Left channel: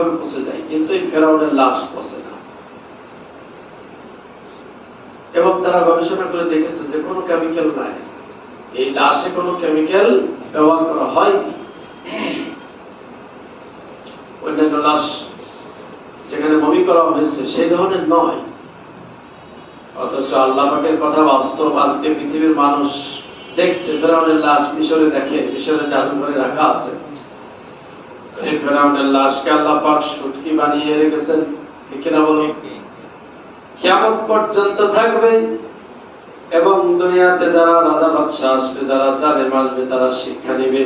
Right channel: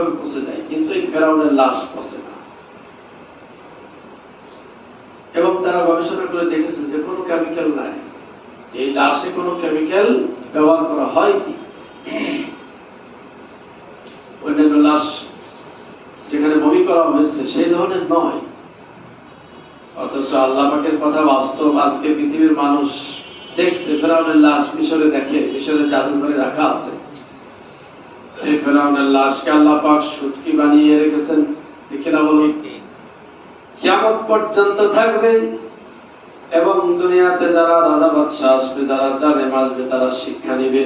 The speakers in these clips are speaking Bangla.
পচে যায়, কিন্তু এই ফেরাউনের লাশ পচে না। এবং তারা গবেষণা করে দেখেছে যে কোনো কেমিক্যাল নাই, এই লাশে কোনো কেমিক্যাল ব্যবহার করা হয়নি। অন্যান্য লাশ যেখানে বমি করা হয়েছে সেই ধরনের নয়। অথচ আল্লাহ পাকের কথা বাস্তব। আজকে পৃথিবীর মানুষ দেখছে ফেরাউনের লাশ মিশরে দেখে, মিশরে জাদুঘরে রাখা আছে। এই ফেরাউনের লাশকে আল্লাহ পাক শুটকি বানিয়ে রেখেছেন, ঠিক না বলুন? কিয়ামত পর্যন্ত থাকবে এবং দুনিয়াতে যারা রাজা বাদশা আসবে, যারা জালেম আসবে, তারা শিক্ষা নিবে।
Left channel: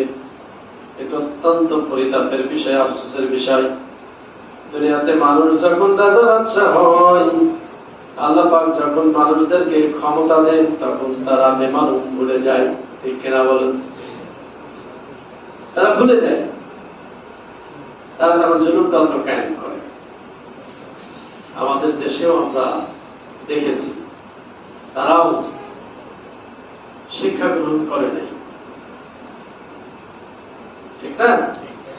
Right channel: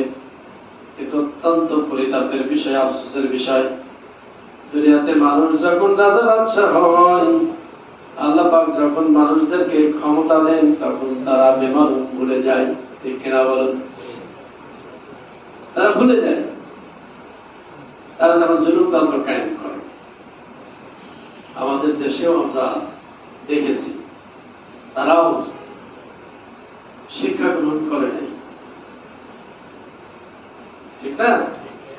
এটা অত্যন্ত পরিতাপের বিষয়, আফসোসের বিষয়। দুনিয়াতে মানুষ যখন রাজা বাদশা হয়, আল্লাহ পাক যখন মানুষদেরকে ক্ষমতা দেন, তখন তারা বেমালুম ভুলে যায়, ঠিক কিনা বলুন? তারা ভুলে যায়, তারা যেন জুলুমতন্ত্র কায়েম করে। আমাদের দেশেও আমরা দেখেছি তারাও শিক্ষা গ্রহণ করে নাই, ঠিক না?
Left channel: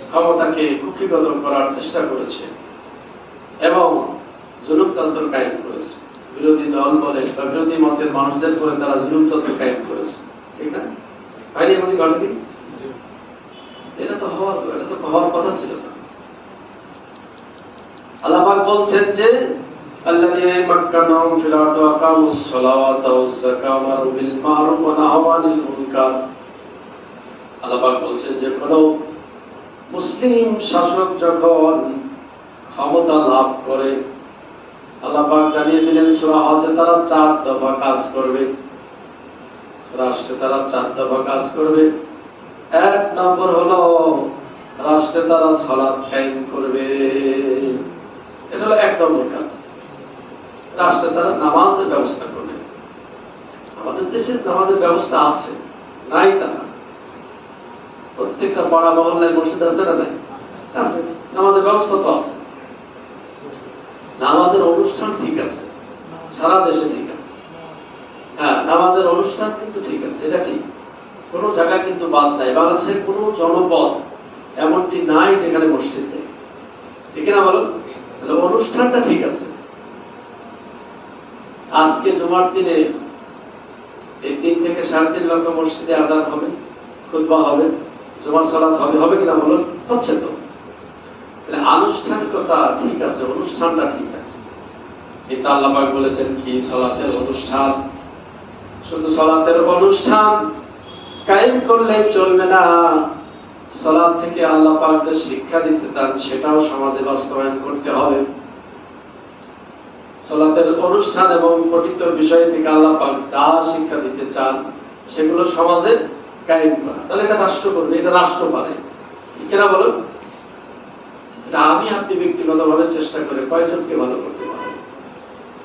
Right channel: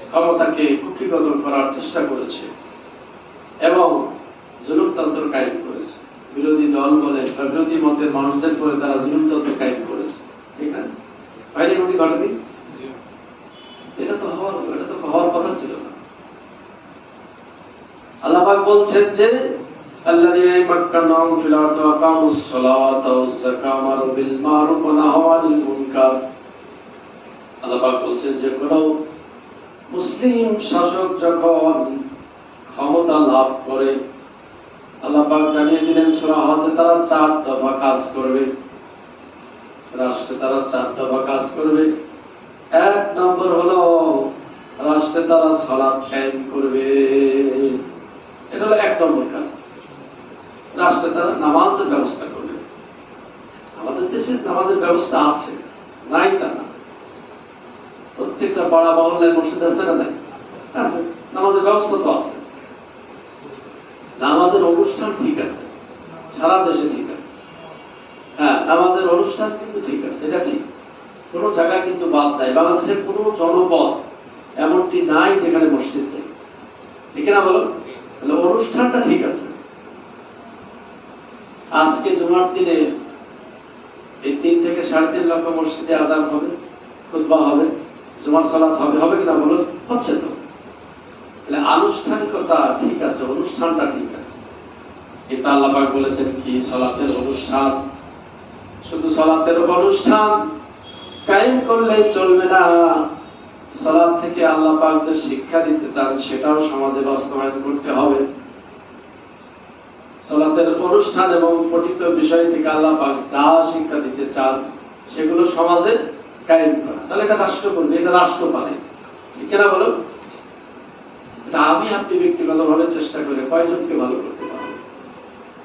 ক্ষমতাকে কুক্ষিগত করার চেষ্টা করেছে এবং জুলুমতন্ত্র কায়েম করেছে। বিরোধী দল বলে বা বিরোধী মতের মানুষদের করে তারা জুলুমতন্ত্র কায়েম করেছে, ঠিক না? হয়নি এমনি ঘটনা? এটা তো হওয়ার কথা ছিল না। আল্লাহ পাক বলছেন যে আল্লাযীনা ইয়ামাক্কানুহুম ফিল আরদি ওয়া আকামুস সালাওয়াতা ওয়াজ যাকাতা ওয়া আমারু বিল মা'রুফ ওয়া নাহাউ আনিল মুনকার। আল্লাহ পাক বলছেন যে কোন মুসলিম শাসক যখন ক্ষমতা লাভ করে, আল্লাহ পাক জানিয়ে দিলেন সূরা হজে তারা 4 দফা কাজ করবে। রাষ্ট্রে তারা 4 দফা কাজ করবে। 1 নম্বর হলো রাষ্ট্রে তারা সালাত কায়েম করবে। এটা হলো 1 নম্বর কাজ। রাষ্ট্রে তারা নামাজের ব্যবস্থা করবে। আমাদের দেশে নামাজের ব্যবস্থা আছে, নাই তা না। প্রত্যেকটা পাড়া মহল্লায় মসজিদ আছে না? নাই? আছে। নামাজের ব্যবস্থা তো আছে। নামাজের অনুষ্ঠান ঠিক আছে, সারা দেশে ঠিক আছে। হ্যাঁ, নামাজের অনুষ্ঠান কিন্তু ঠিক আছে, এটা ঠিক। কোনো জায়গায় কিন্তু বাদ নাই। বাংলাদেশের কোনো জনপদ এমনটি নাই যেখানে মসজিদ নেই, ঠিক না বলো? তাহলে অনুষ্ঠানটা ঠিক আছে। আজকে জুমার দিনে এই 3 থেকে 3.5 লক্ষ মসজিদে আযান হবে, খুতবা হবে, জুমার সালাত হবে, হবে কিনা বলুন? হচ্ছে তো। তাহলে আনুষ্ঠানিকতা ঠিক আছে, অনুষ্ঠানটা ঠিক আছে। এটা আল্লাহ পাক বলেছেন কি সালাতের অনুষ্ঠান, শুধু সালাতের অনুষ্ঠান কায়েম করলে চলবে না। সালাত থেকে আল্লাহ পাক যে শিক্ষা দিতে চান সেটাও সমাজে বাস্তবায়ন করতে হবে। সালাতের অনুষ্ঠান এবং পঠিত বিষয় থেকে আল্লাহ পাক যা শিক্ষা দিতে চান সেগুলো সমাজে কায়েম করা। তাহলে এটা রাষ্ট্র করবে, এটা রাষ্ট্র পারে, ঠিক না বলুন? আমি আপনি ব্যক্তিগতভাবে চেষ্টা করে কয়জনকে ভালো করতে পারবো,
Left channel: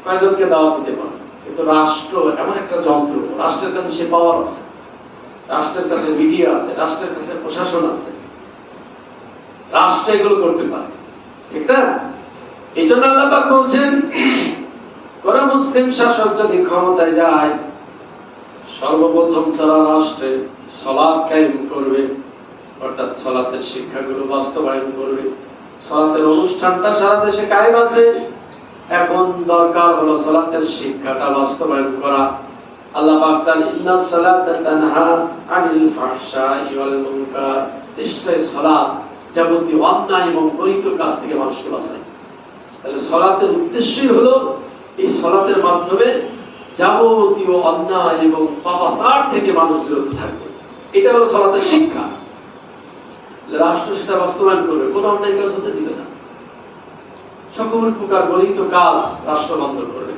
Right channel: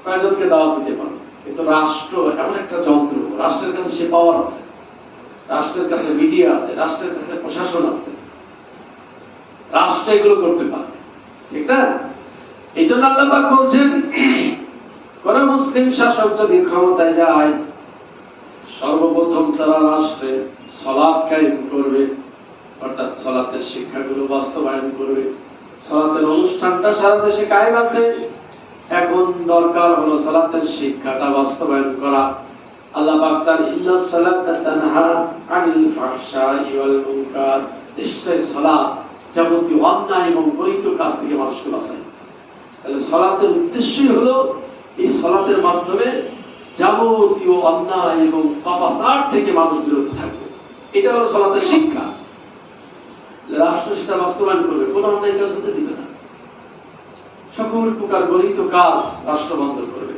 কয়জনকে দাওয়াত দিতে পারবো, কিন্তু রাষ্ট্র এমন একটা যন্ত্র, রাষ্ট্রের কাছে সে পাওয়ার আছে, রাষ্ট্রের কাছে মিডিয়া আছে, রাষ্ট্রের কাছে প্রশাসন আছে, রাষ্ট্র এগুলো করতে পারে, ঠিক না? এই জন্য আল্লাহ পাক বলছেন কোন মুসলিম শাসক যদি ক্ষমতায় যায়, সর্বপ্রথম তারা রাষ্ট্রে সালাত কায়েম করবে, অর্থাৎ সালাতের শিক্ষাগুলো বাস্তবায়ন করবে। সালাতের অনুষ্ঠানটা সারা দেশে কায়েম আছে, এখন দরকার হলো সালাতের শিক্ষাটা বাস্তবায়ন করা। আল্লাহ পাক বলেন ইন্নাস সালাতা তানহা আনিল ফাহশাই ওয়াল মুনকার। নিশ্চয় সালাত যাবতীয় অন্যায় এবং গরিত কাজ থেকে মানুষকে বাঁচায়। তাহলে সালাতের উদ্দেশ্যই হলো এই সালাতের মাধ্যমে যাবতীয় অন্যায় এবং পাপাচার থেকে মানুষ বিরত থাকবে। এটা হলো সালাতের শিক্ষা। রাষ্ট্র সেটা বাস্তবায়ন করবে, কোনো অন্যায় কাজ হতে দিবে না, সকল প্রকার গরিত কাজ রাষ্ট্র বন্ধ করবে,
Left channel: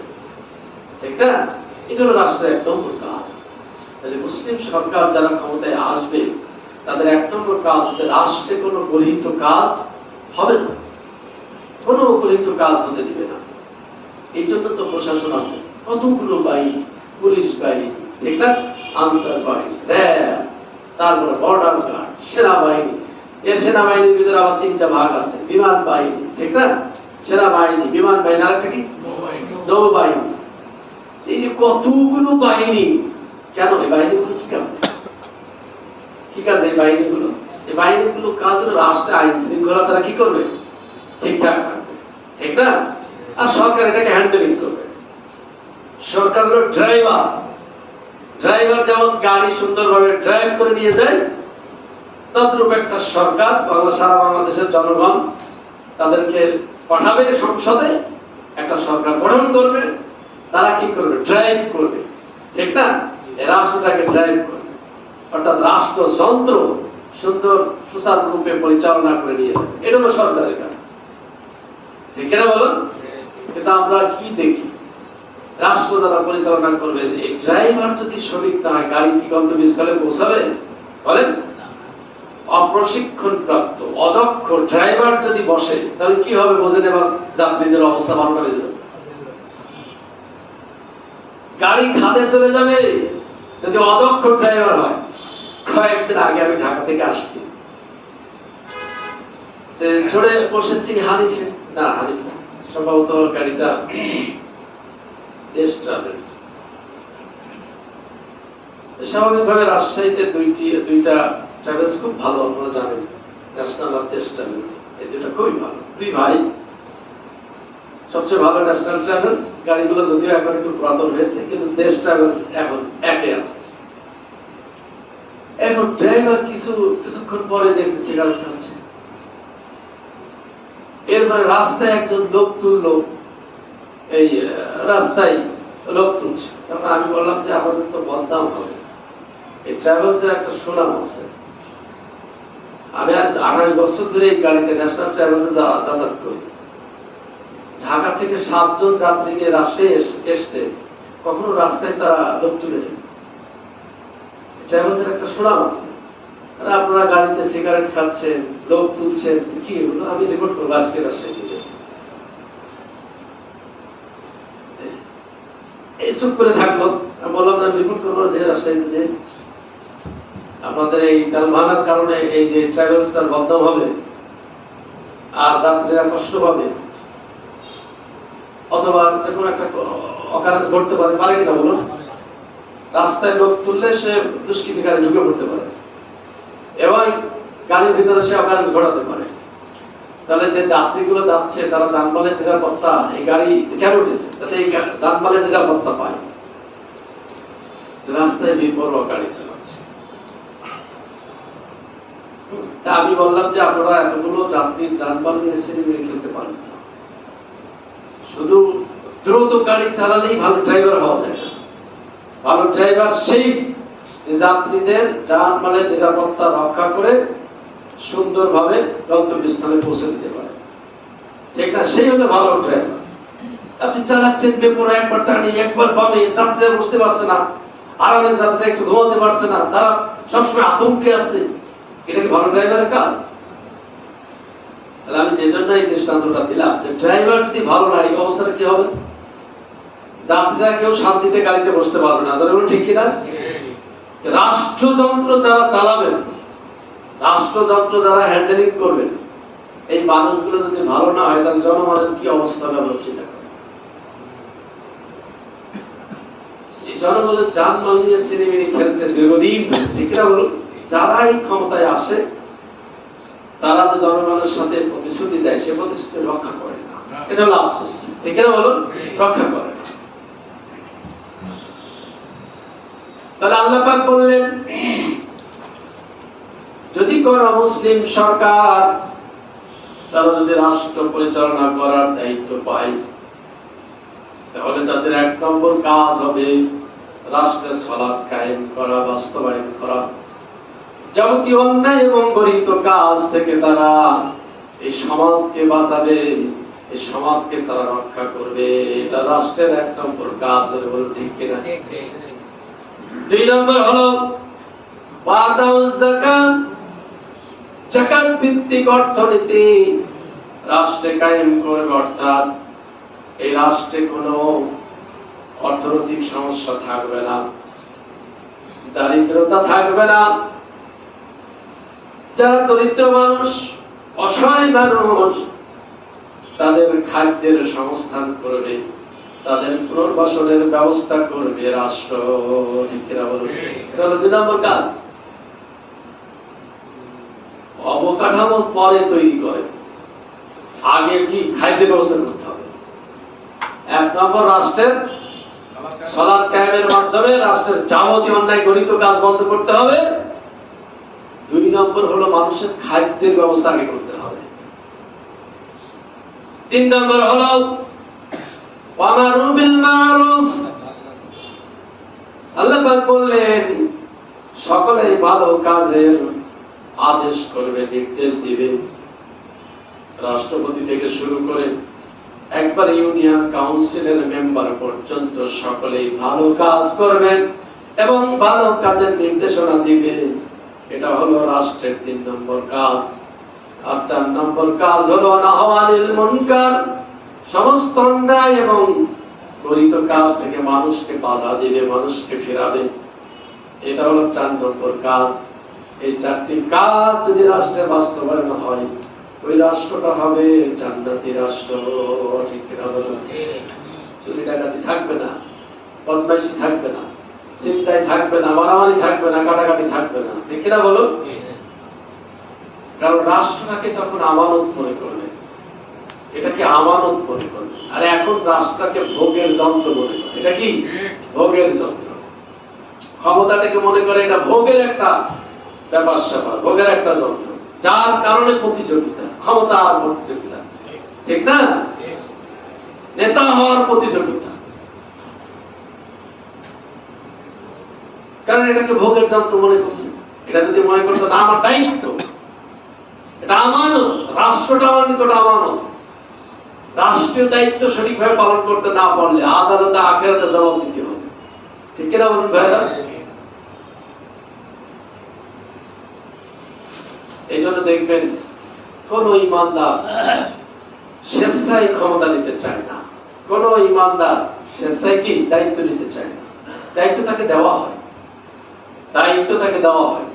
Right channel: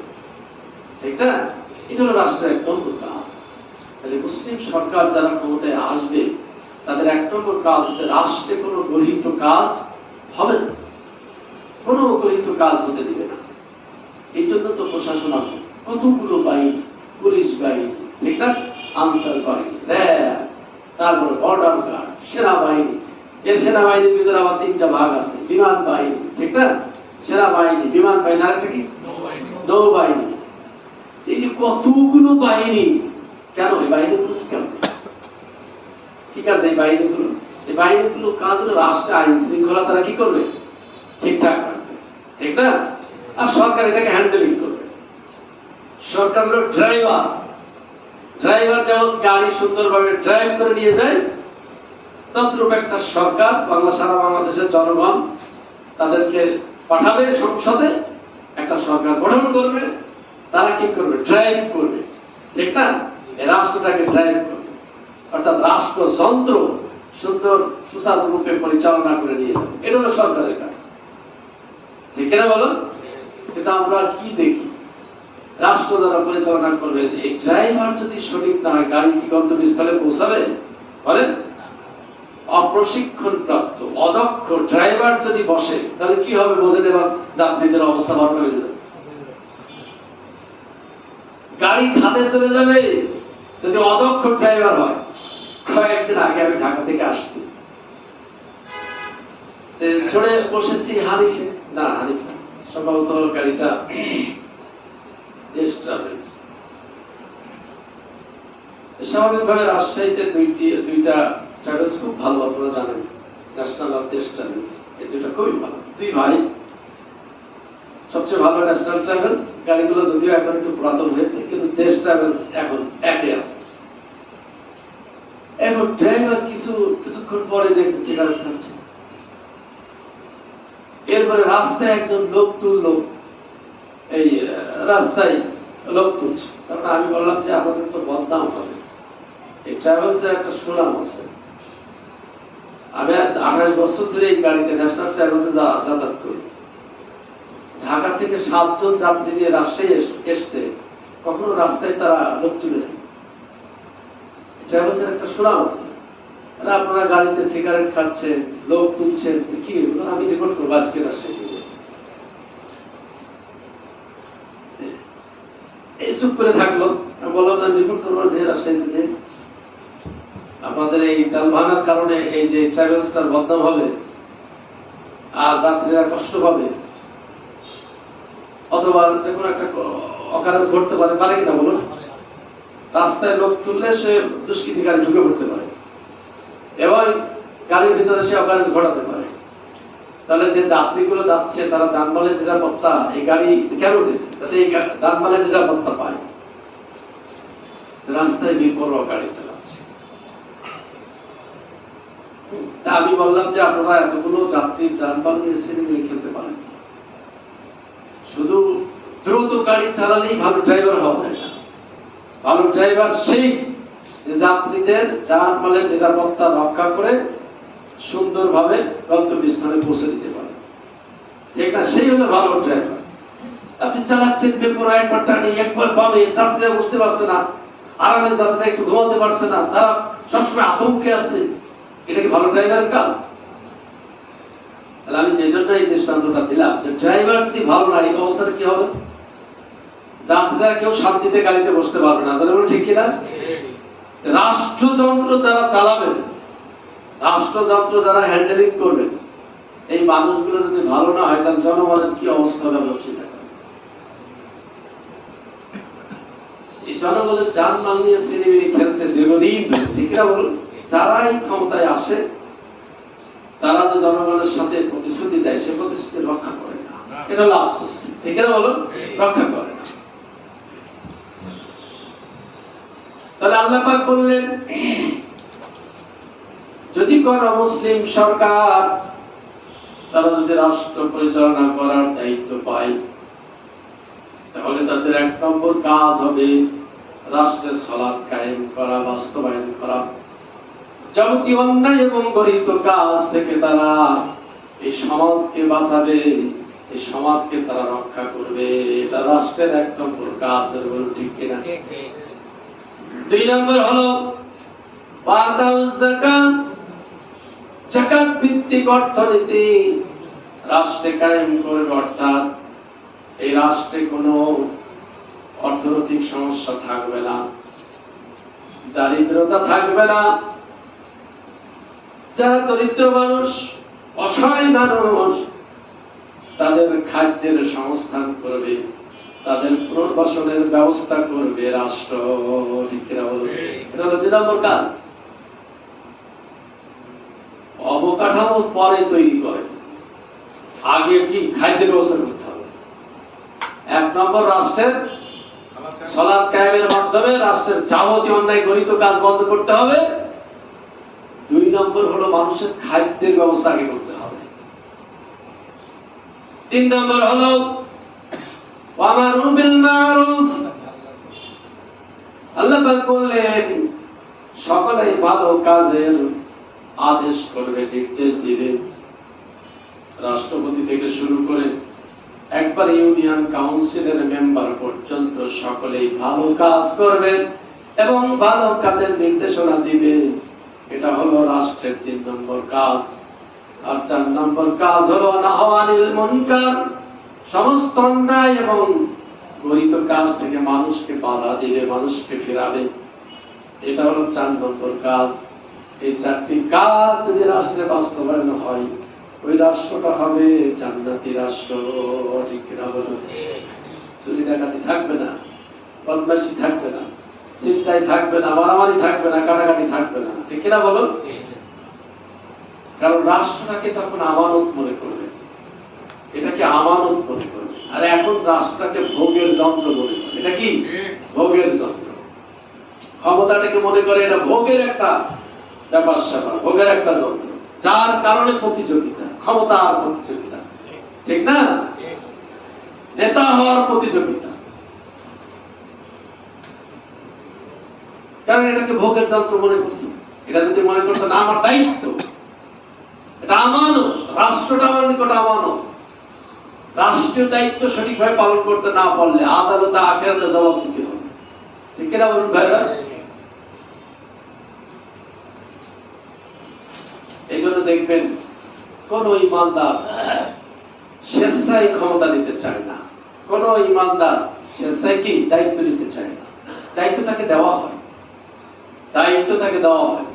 ঠিক না? এটা হলো রাষ্ট্রের 1 নম্বর কাজ। তাহলে মুসলিম সরকার যারা ক্ষমতায় আসবে তাদের 1 নম্বর কাজ হচ্ছে রাষ্ট্রে কোনো গরিত কাজ হবে না, কোনো গরিত কাজ হতে দিবে না। এই জন্য তো প্রশাসন আছে, কতগুলো বাহিনী, পুলিশ বাহিনী, ঠিক না? আনসার বাহিনী, র্যাব, তারপরে বর্ডার গার্ড, সেনাবাহিনী। এর সেনাবাহিনীর ভিতরে আবার 3টা ভাগ আছে, বিমান বাহিনী, ঠিক না? সেনাবাহিনী, বিমান বাহিনী, আর একটা কি নৌবাহিনী। এই যে কতগুলো বাহিনী, কেন এই বাহিনীগুলো কেন? ঠিক আছে, এই বাহিনীগুলো কাজ হলো রাষ্ট্রের আইন শৃঙ্খলা তারা কি করবে? ঠিকঠাক রাখবে, ঠিক না? আর সরকার এটাকে হ্যান্ডেলিং করবে। সরকার হলো ড্রাইভার। ড্রাইভার যেমন গাড়ি সুন্দরভাবে ড্রাইভ করে নিয়ে যায়, তদ্রূপ একটা সরকার সারা বাংলাদেশের জনগণ তাদেরকে পাঠাবে সংসদে, একটা সরকার গঠন করবে, তারা কি করবে? ড্রাইভ করবে, ঠিক না? এই রাষ্ট্রটাকে ড্রাইভ করবে, অর্থাৎ রাষ্ট্রযন্ত্র সুন্দর সুচারুরূপে পরিচালনা করে নিয়ে যাবে। এটা হলো সরকারের কাজ, ঠিক না বলো? কিন্তু আমরা কি দেখি, রাষ্ট্র যারা পরিচালনা করবে, এই ড্রাইভার যদি সঠিক না হয়, গাড়ি কি গন্তব্যস্থলে পৌঁছাবে? বলেন, অপ্রশিক্ষণ প্রাপ্ত অদক্ষ ড্রাইভার যদি বসে, তাহলে কি হবে? বোঝে নেবার যাত্রীদের অবস্থা ভালো হয়ে যাবে, গাড়ি খাদে চলে যাবে যদি অদক্ষ ড্রাইভার হয়। কয়েকদিন আগে আমি ঢাকা থেকে আসছি, ছড়ে বসেছি হানিফে, না হানিফে সম্ভবত গাড়িটা দেশ ট্রাভেলস। স্বাভাবিকভাবে রাজশাহীতে দুইটা ট্রাভেলস খুব ভালো, আপনারা জানেন, ন্যাশনাল আর দেশ ট্রাভেলস, এই দুইটা খুবই ভালো, দুই ভাই। সবচেয়ে ভালো ন্যাশনাল ট্রাভেলস, গাড়িগুলো যদিও এখন একটু পুরাতন হয়েছে, কিন্তু দেশ ট্রাভেলস এখন একে আছে। এখন ড্রাইভার কিছুক্ষণ পরে দেখছি সিগারেট খাচ্ছে। এরপরে রাস্তায় একজন লোক তুললো, এই রাস্তায় লোক তুলছে। তারপরে আমি বললাম যে আমাদের তো বদনাম হবে, এই ট্রাভেলস এর একটা সুনাম আছে। আমি আজ 28 বছর ধরে এই গাড়িতে ন্যাশনাল ট্রাভেলসে যাতায়াত করি। ঢাকা থেকে 7 জন যাত্রী নিয়ে রাজশাহী এসছে, কখনো রাস্তায় তারা লোক তুলে নেই। ট্রাভেলস এর একটা সুনাম আছে। আর আপনারা গাড়িতে সিগারেট খাচ্ছেন, লোক তুলছেন, কি এগুলো? আমি রেকর্ড করবো আজকে রাজশাহী। এই চুপ করে থাকলো। আমি বললাম আমি রিপোর্ট করবো যে রাজশাহীতে যে আপনাদের এই যানবাহনের কারণে এই যে ট্রাভেলসটার বদনাম হবে, আর যাত্রীরা কষ্ট পাবে, অথবা যে কোনো একটা অকারেন্স ঘটতে পারে কিনা বলুন? রাস্তায় লোক তুললে সে দুষ্কৃতিকারী ঢুকে পড়তে পারে এবং গাড়ির ভিতরে সে অকারেন্স ঘটাতে পারে। তাহলে যে যাত্রীগুলো যাচ্ছে তারা যানবাহনের নিরাপত্তা, এই গাড়ি কেন উঠেছে? যাতে এই যানবাহনের নিরাপত্তা পায়। রাস্তায় বেপরোয়া গাড়ি চালাচ্ছে। আমি বললাম যে আপনারা এতগুলো যাত্রীর যানবাহন নিয়ে খেলতে পারেন, শুধু দ্রুত গাড়ি চালালেই ভালো ড্রাইভার হওয়া যায় না। ভালো ড্রাইভার সেই যাত্রীদের যানবাহনের নিরাপত্তা রক্ষা করে সুন্দরভাবে গন্তব্যস্থলে পৌঁছে দিতে পারে, ঠিক না? সেই হলো ভালো ড্রাইভার। আপনি চালাচ্ছেন বেপরোয়া, একবার টানি একবার বামে, যাত্রীরা বুঝতে পারছে না, আরামে যাত্রীরা একটু ঘুমাতে পারছে না, তারা সবসময় আতঙ্কে আছে। এটা কি ভালো ড্রাইভারের কাজ? তাহলে আমি যে জন্য এই দৃষ্টান্তটা দিলাম, যে ড্রাইভার যদি ভালো না, এই অবস্থাটা কি হবে? যাত্রীরা কেউ শান্তিতে গাড়িতে বসতে পারবে না। ঠিক কিনা? রাষ্ট্রযন্ত্র যারা চালাবেন, রাষ্ট্রযন্ত্র যারা হ্যান্ডেলিং করবেন, এই মানুষগুলো যদি ভালো না হয়, তাহলে জনগণের কি অবস্থা হবে চিন্তা করেন। এই জনগণের যানবাহন নিয়ে সিনেমিনি খেলছে দীর্ঘদিন, ঠিক না বলুন? যারা এই ক্ষমতায় আসে, তারা যে জনগণের সাথে প্রতিশ্রুতি দেয়, সে প্রতিশ্রুতি রক্ষা করে না। এটা হলো আফসোস, ঠিক না বলুন? রক্ষা করে না। তাহলে আল্লাহ পাক বললেন, যদি কোন মুসলিম সরকার তারা যদি রাষ্ট্র পরিচালনা করার দায়িত্ব পায়, তাহলে তাদের 1 নম্বর কাজ হবে রাষ্ট্রের সালাত কায়েম করা, বাস্তবায়ন করা। যাবতীয় অন্যায় এবং গরিত কাজ থেকে তারা এই সমাজকে বাঁচাবে, এই সমাজকে তারা রক্ষা করবে। এটা রাষ্ট্রের 1 নম্বর কাজ। বলুন ঠিক কিনা? 2 নম্বর হলো ওয়াতাউজ যাকাত, যাকাত ভিত্তিক অর্থনীতি রাষ্ট্রে কায়েম করবে। অর্থাৎ এই রাষ্ট্রে কোনো অর্থনৈতিক সমস্যা থাকবে না, দারিদ্রতা থাকবে না। যারা দরিদ্র মানুষ, অসহায় মানুষ, তাদের খাদ্যের সংস্থান করবে, তাদের পুনর্বাসনের ব্যবস্থা করবে রাষ্ট্র, ঠিক কিনা বলুন? এটা হলো 2 নম্বর কাজ। অবকাঠামো পরে তৈরি করে, আগে কি খাদ্যের ব্যবস্থা করতে হবে। 1 নম্বর রাষ্ট্রের সালাত কায়েমের মাধ্যমে রাষ্ট্রের যাবতীয় অন্যায় গরিত কাজ বন্ধ করতে হবে। 2 নম্বর হলো মানুষের খাদ্যের ব্যবস্থা আগে করতে হবে। 3 নম্বর হলো ওয়ামারু বিল মারুফ। আল্লাহ পাক বললেন সকলেই ভালো কাজের আদেশ করবে, নির্দেশ দিবে। রাষ্ট্রপতি থেকে শুরু করে একবার ইউনিয়ন কাউন্সিলের মেম্বার পর্যন্ত সকলেই ভালো কাজ করবেন এবং ভালো কাজের নির্দেশনা দিবে। এটা হলো রাষ্ট্রের 3 নম্বর কাজ। আর 4 নম্বর কাজ হলো নাহওয়ানিল মুনকার, সমস্ত অন্যায় এবং গরিত কাজ থেকে মানুষকে বাধা দিবে, মানুষকে ফেরাবে। এটা হলো 4 নম্বর কাজ। এই 4টি কাজ যদি রাষ্ট্রে বাস্তবায়ন হয়, ওই রাষ্ট্রটা হবে জান্নাতি রাষ্ট্র। ঠিক কিনা বলো? চুরি ডাকাতি থাকবে না, বদমাইশি থাকবে না, ছিনতাই থাকবে না, মারামারি থাকবে না, কাটাকাটি থাকবে না। ঠিক কিনা বলো? কারণ রাষ্ট্রটাকে তখন আমানত মনে করবে, এটাকে আমানত মনে করবে। আর এখন রাষ্ট্রটাকে ভোগের যন্ত্র মনে করে। এটা কি? ভোগের যন্ত্র। ক্ষমতাটাকে মনে করে এটা ভোগের একটা ব্যাপার স্যাপার, ভোগের একটা যন্ত্র, যার কারণে প্রতিযোগিতা, ক্ষমতা আর প্রতিযোগিতা। ঠিক না? নেতা হওয়ার প্রতিযোগিতা। কারণ এটাকে ভোগের যন্ত্র মনে করছে। এটা যদি মনে করতো না আমার দায়িত্ব, এটা আমানত, রাষ্ট্রটা আমার নিকট আমানত, রাষ্ট্রীয় দায়িত্ব সঠিকভাবে পালন করতে না পারলে আদালতে আখিরাতে জবাব দিতে হবে। ঠিক কিনা বলুন ভাইরা? এই জন্য দেখবেন কোন ইমানদার স্বেচ্ছায় ক্ষমতা নিতে চায় না, কোন ইমানদার স্বেচ্ছায় কি দায়িত্ব নিতে চায় না। দায়িত্ব তাকে দেওয়া হয়, দায়িত্ব তাকে দেওয়া হয়।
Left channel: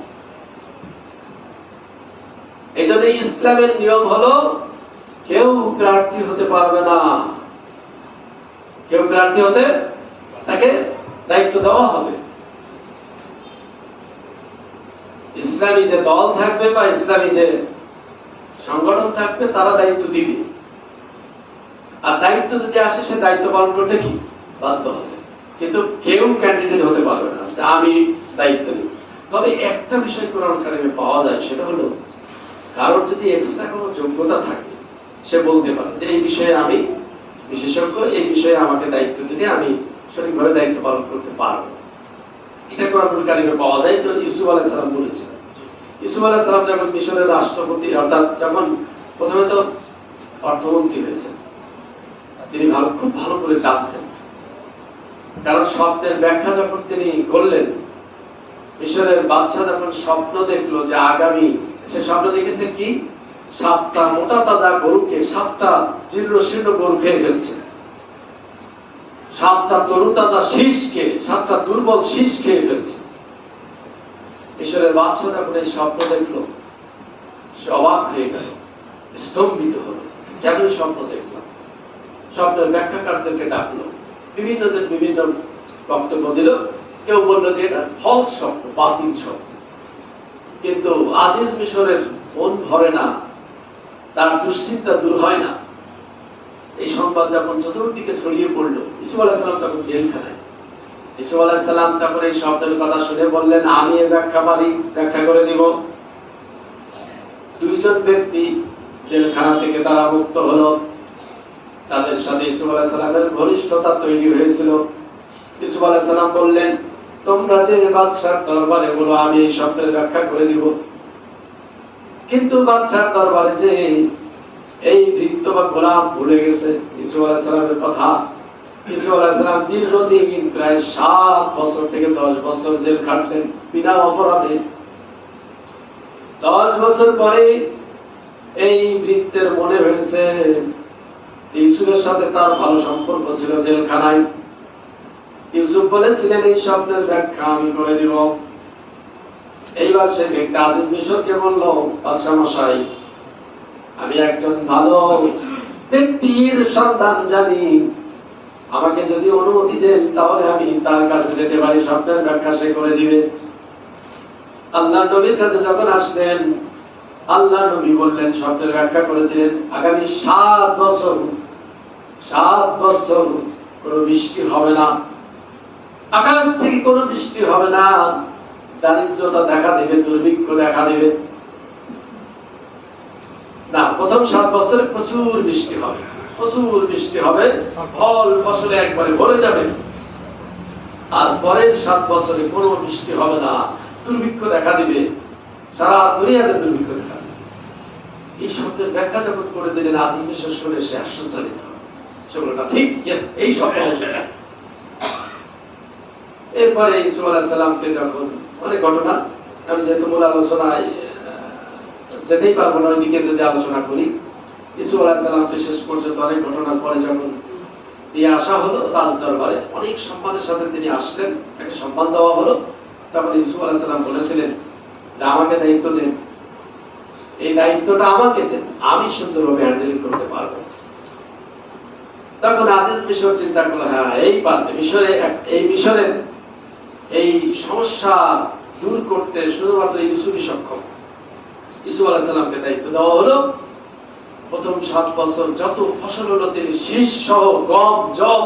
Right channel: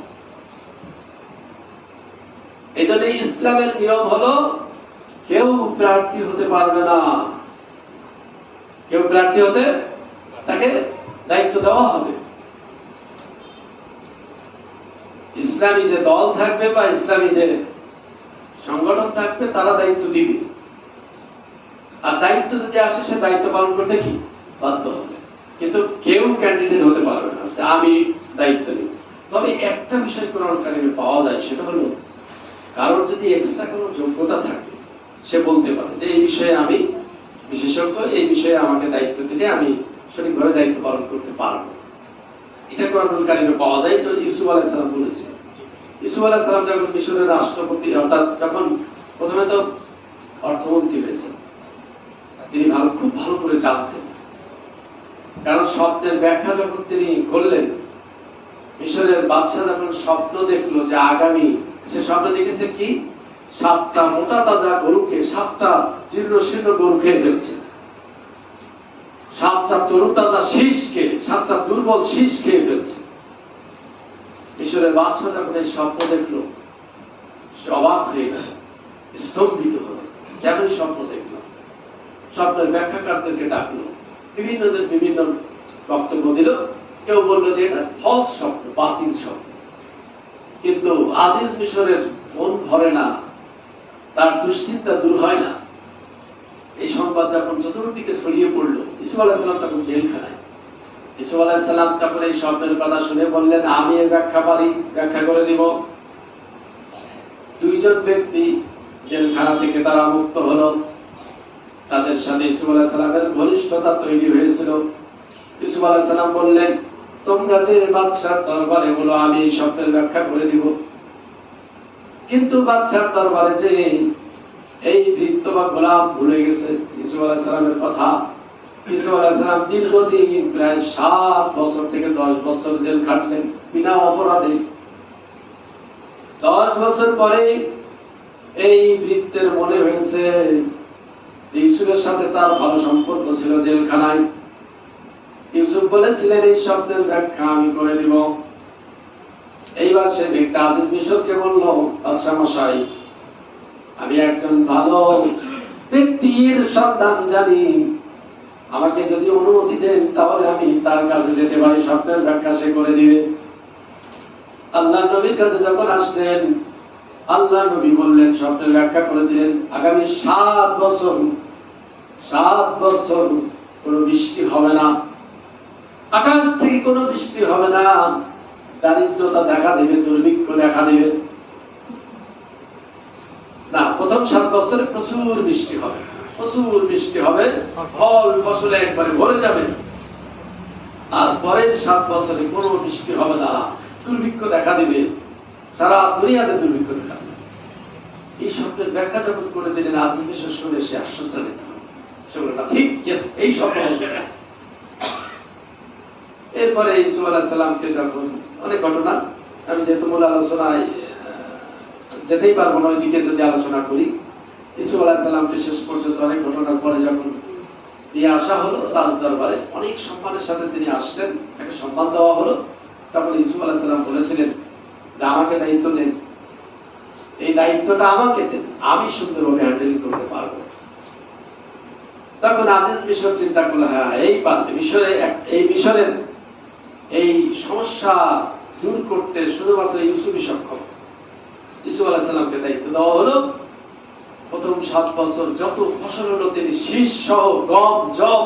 এই জন্য ইসলামের নিয়ম হলো কেউ প্রার্থী হতে পারবে না, কেউ প্রার্থী হতে তাকে দায়িত্ব দেওয়া হবে। ইসলামী যে দল থাকবে বা ইসলামী যে সংগঠন থাকবে তারা দায়িত্ব দিবে। আর দায়িত্ব যদি আসে সে দায়িত্ব পালন করতে কি বাধ্য হবে। কিন্তু কেউ ক্যান্ডিডেট হতে পারবে না যে আমি দায়িত্ব নিব। তবে একটা বিষয় কোরআন কারিমে পাওয়া যায়, সেটা হলো কারোর যদি এক্সট্রা কোনো যোগ্যতা থাকে সে বলতে পারে যে এই বিষয়ে আমি বিশেষজ্ঞ, এই বিষয়ে আমাকে দায়িত্ব দিলে আমি সঠিকভাবে দায়িত্ব পালন করতে পারবো। এটা কোরআন কারিমে পাওয়া যায়। যে ইউসুফ আলাইহিস সালাম বলেছিলেন, ইউসুফ আলাইহিস সালাম যখন মিশরের রাষ্ট্রপতি অর্থাৎ যখন প্রথমে তো অর্থমন্ত্রী হয়েছেন, তিনি খুব ভালো করে জানতেন। কারণ স্বপ্নের ব্যাখ্যা যখন তিনি করলেন, মিশরের বাদশা যখন স্বপ্ন দেখলো যে আগামী, সে স্বপ্ন দেখেছে কি 7টা মোটা তাজা গরুকে 7টা জীর্ণ শীর্ণ গরু খেয়ে ফেলছে, 7টা তরুতাজা শীষকে 7টা দুর্বল শীষ খেয়ে ফেলছে। মিশরের বাদশা যখন এই স্বপ্ন দেখলো, সে অবাক হয়ে গেল, স্তম্ভিত হলো। কেন স্বপ্ন দেখলাম? স্বপ্নের ব্যাখ্যাকারদেরকে ডাকলো, বিভিন্নদের বিভিন্ন বক্তব্য দিল। কেউ বললো যে এটা ফলস স্বপ্ন, বাতিল স্বপ্ন। কিন্তু আজিজ মিশরের মন ভরে না, তার দুশ্চিন্তা দূর হয় না। এই সংবাদ যখন চতুর্দিকে ছড়িয়ে পড়লো, ইউসুফ আলাইহিস সালাম তখন জেলখানায়। ইউসুফ আলাইহিস সালাম তখন এই স্বপ্নের কথা শুনে বললেন, আমি এর ব্যাখ্যা পারি, ব্যাখ্যা করে দিব। 2 জন ব্যক্তি জেলখানা থেকে তারা মুক্ত হলো। তাদের সাথে ইউসুফ আলাইহিস সালামের ঘনিষ্ঠতা তৈরি হয়েছিল। ইউসুফ আলাইহিস সালাম বললেন, তোমরা যে বাদশার দরবারে বলো আমি এই স্বপ্নের ব্যাখ্যা করে দিব। কিন্তু বাদশার দরবারে যে এই বৃত্ত বা গোলাম ভুলে গেছে ইউসুফ আলাইহিস সালামের কথা। ইউসুফ আলাইহিস সালাম দীর্ঘদিন প্রায় 7 বছর থেকে 10 বছর জেল কাটলেন বিনা অপরাধে। 10 বছর পরে এই বৃত্তের মনে হয়েছে ইউসুফের সাথে তার ভালো সম্পর্ক ছিল জেলখানায়। ইউসুফ বলেছিলেন এই স্বপ্নের ব্যাখ্যা আমি করে দিব। এইবার সে ব্যক্তি আজিজ মিশরকে বলল, বাদশা মশাই, আমি একজন ভালো ব্যক্তির সন্ধান জানি, আমাকে যদি অনুমতি দেন তাহলে আমি তার কাছে যেতে পারি, স্বপ্নের ব্যাখ্যা সে করে দিবে। আল্লাহর নবীর কাছে যখন আসলেন, আল্লাহ নবী বললেন, স্বপ্নের ব্যাখ্যা করে দিলেন, আগামী 7 বছর কোনো বৃষ্টি হবে না, আকাশ থেকে কোনো বৃষ্টি হবে না, দারিদ্রতা দেখা দেবে, দুর্ভিক্ষ দেখা দেবে না। প্রথম 7 বছরে প্রচুর বৃষ্টি হবে, ফল ফসলে একবারে ভরে যাবে। আর পরের 7 বছরে কোনো বৃষ্টি হবে না, দুর্ভিক্ষ দেখা দিবে, সারা দুনিয়াতে দুর্ভিক্ষ দেখা দিবে। এই স্বপ্নের ব্যাখ্যা যখন করে দিলেন, আজ বিষয় শুনে সে আশ্চর্যজনিত হয়। সে বলল, না ঠিক, এই স্বপ্ন। এরপরে ইউসুফ আলাইহিস সালামকে যখন অনেক ঘটনা, আমি যেহেতু মূল আলোচনায় যেতেই পারবো না, ওইদিকে যদি আলোচনা করি, ইউসুফ আলাইহিস সালামকে শেষ পর্যন্ত অনেক ঘটনার পরে যখন নিয়ে আসা হলো রাজ দরবারে, অনেক সম্মানের সাথে তিনি আসলেন, তাকে সম্মান দেওয়া হলো। তখন ইউসুফ আলাইহিস সালাম বলেছিলেন যে আমাকে দায়িত্ব দেন, এই দায়িত্বটা আমাকে দেন, আমি সুন্দরভাবে হ্যান্ডেল করতে পারবো। তখন আজিজ মিশর চিন্তা করলো, হ্যাঁ এই পারবে, এই মিশরের এই সমস্যা দূর করতে শুধুমাত্র ইউসুফই সক্ষম। ইউসুফ আলাইহিস সালামকে দায়িত্ব দেওয়া হলো। প্রথম 7 বছর যত ফসল হলো তিনি শীষ সহ, গম, জব,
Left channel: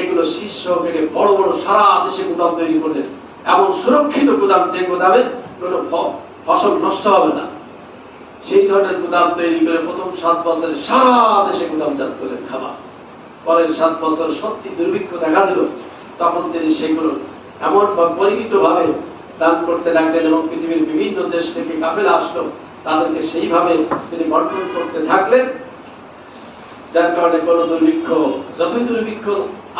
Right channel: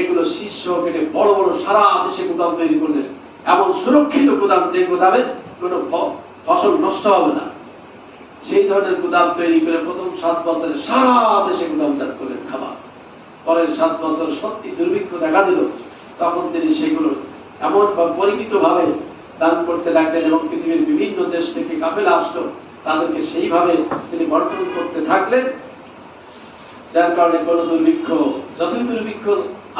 এগুলো শীষ সহ কেটে বড় বড় সারা দেশে গুদাম তৈরি করলেন, এমন সুরক্ষিত গুদাম যে গুদামে কোনো ফসল নষ্ট হবে না, সেই ধরনের গুদাম তৈরি করে প্রথম 7 বছরে সারা দেশে গুদামজাত করলেন খাবার। পরের 7 বছর সত্যি দুর্ভিক্ষ দেখা দিল, তখন তিনি সেগুলো এমন পরিমিত ভাবে দান করতে লাগলেন এবং পৃথিবীর বিভিন্ন দেশ থেকে কাফেলা আসলো, তাদেরকে সেইভাবে তিনি বন্টন করতে থাকলেন, যার কারণে কোনো দুর্ভিক্ষ, যতই দুর্ভিক্ষ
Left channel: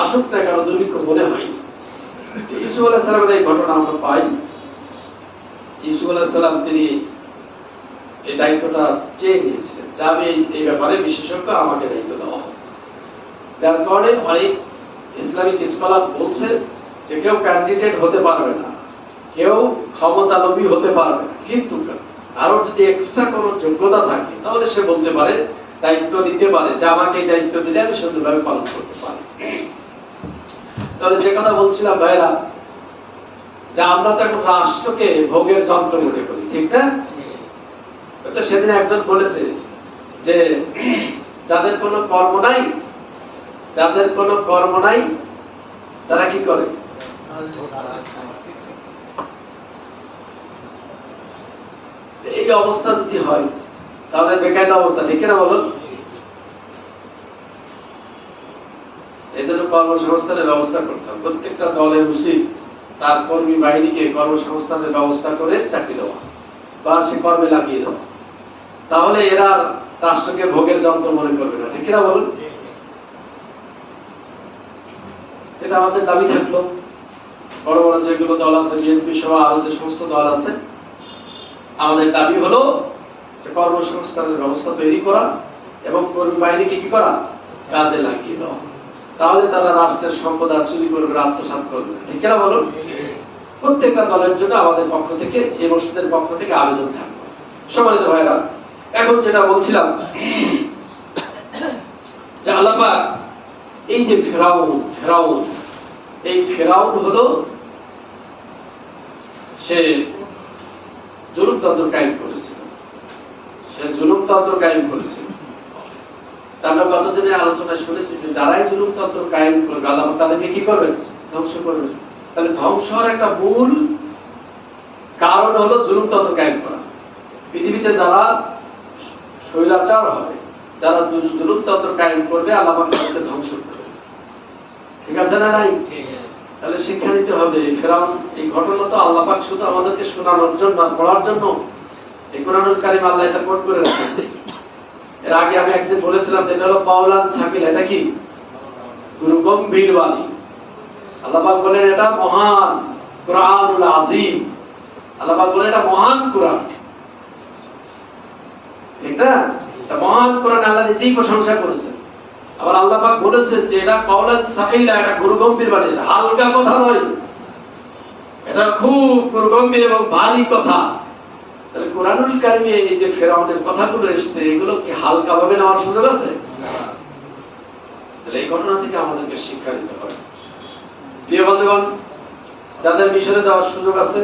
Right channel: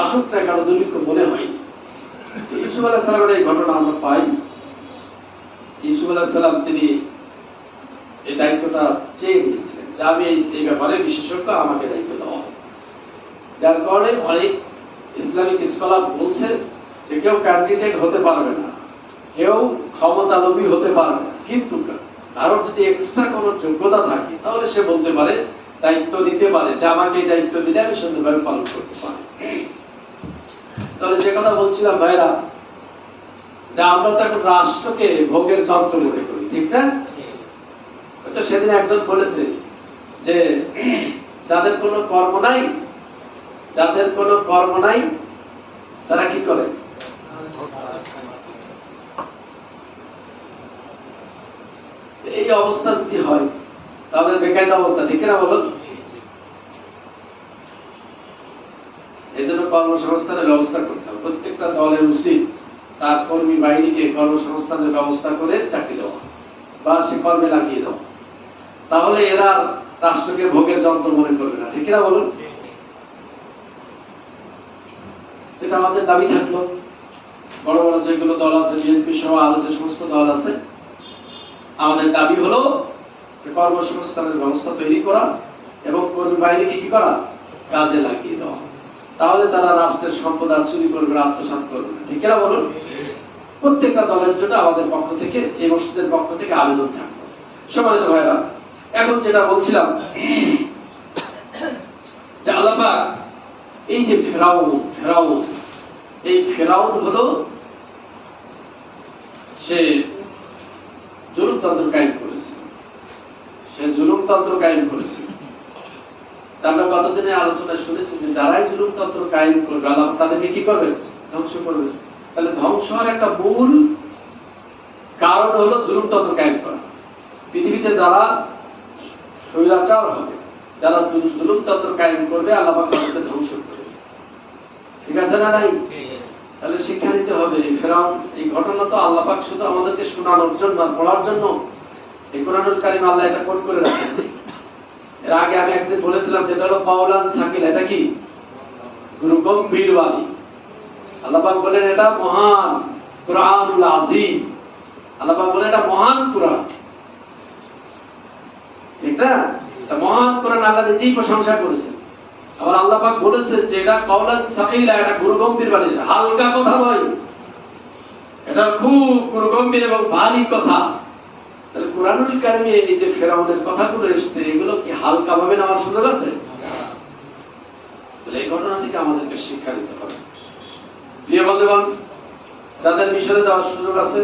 আসুক না কেন, দুর্ভিক্ষ মনে হয়। ইউসুফ আলাইহিস সালামের এই ঘটনা আমরা পাই। ইউসুফ আলাইহিস সালাম তিনি এই দায়িত্বটা চেয়ে নিয়েছিলেন যে আমি এই ব্যাপারে বিশেষজ্ঞ, আমাকে দায়িত্ব দেওয়া হবে। যার কারণে অনেক ইসলামিক স্কলার বলছে যে কেউ ক্যান্ডিডেট হতে পারবে না, কেউ ক্ষমতালোভী হতে পারবে না, কিন্তু কারোর যদি এক্সট্রা কোনো যোগ্যতা থাকে তাহলে সে বলতে পারে, দায়িত্ব দিতে পারে যে আমাকে এই দায়িত্ব দিলে আমি সুন্দরভাবে পালন করতে পারি। তাহলে যে কথা বলছিলাম ভাইরা, যে আমরা তো এখন রাষ্ট্রকে ভোগের যন্ত্র মনে করি, ঠিক না? তো সেদিন একজন বলেছে যে যাদের কোনো কর্ম নাই তারা কি করে? এই অবস্থা যদি হয় তাহলে বেকায়দা অবস্থা, ঠিক না বলুন? এই জন্য কর্মসংস্থানের ব্যবস্থা করতে হবে। প্রত্যেকটা দলের উচিত তার কর্মী বাহিনীকে কর্মসংস্থানের ব্যবস্থা করে চাকরি দেওয়া বা সে কর্মে লাগিয়ে দেওয়া, তাহলে এরা রাষ্ট্রকে ভোগের যন্ত্র মনে করবে না, ঠিক না বলুন? এটা আমাদের দাবি থাকলো। বড় বড় যেগুলো দল আছে, বিএনপি সহ আরো যে সমস্ত দল আছে, আমাদের দাবি হলো যে কর্মসংস্থানের ব্যবস্থা তৈরি করা এবং কর্মী বাহিনীকে কি করা, কাজে লাগিয়ে দেওয়া। তাহলে তারা রাষ্ট্রের সম্পদ আর চুরি করবে, আত্মসাৎ করবে, ঠিক না বলুন? প্রত্যেকটা দলের জন্য আমাদের পক্ষ থেকে, এই মসজিদের পক্ষ থেকে আবেদন থাকবে। সম্মানিত ভাইরা, এখন যেটা বলছিলাম যে আল্লাহ পাক এই যে ফেরাউন হলো সে জুলুমতন্ত্র কায়েম করেছিল। আমরা গতদিনের আলোচনায় শুনেছি যে যারাই জুলুমতন্ত্র কায়েম করবে আল্লাহ তাদেরকে কি করবে? ধ্বংস করবে। তাহলে ধ্বংস হওয়ার একটা মূল কারণ হলো জুলুমতন্ত্র কায়েম করা। পৃথিবীতে যারা স্বৈরাচার হবে, যারা জুলুমতন্ত্র কায়েম করবে, আল্লাহ তাদেরকে ধ্বংস করবে। ঠিক আছে না নাই? তাহলে শিক্ষা নিতে হবে। ফেরাউন, এই ঘটনা তো আল্লাহ পাক শুধু আমাদেরকে শোনানোর জন্য, পড়ার জন্য এই কোরআনুল কারীম আল্লাহ এটা কোট করে রাখেন। এর আগে আমি একদিন বলেছিলাম যেটা হলো কাওলান সাকিল, এটা কি গুরু গম্ভীর বাণী। আল্লাহ পাক বলেন এটা মহান কুরআনুল আযীম, আল্লাহ পাক বলেন এটা মহান কুরআন, ঠিক না? এটা মহান কুরআন, আল্লাহ নিজেই প্রশংসা করেছেন। আবার আল্লাহ পাক বলেছেন যে এটা কাওলান সাকিলা, এটা গুরু গম্ভীর বাণী, হালকা কথা নয়, এটা খুব গুরু গম্ভীর এবং ভারী কথা। তাহলে কোরআনুল কারীমে এই যে ফেরাউনের কথাগুলো এসেছে, এগুলো কি হালকা ভাবে নেওয়ার সুযোগ আছে? তাহলে এই ঘটনা থেকে আমাদেরকে শিক্ষা নিতে হবে। প্রিয় বন্ধুগণ, যাদের মিশরে যাওয়ার সুযোগ আছে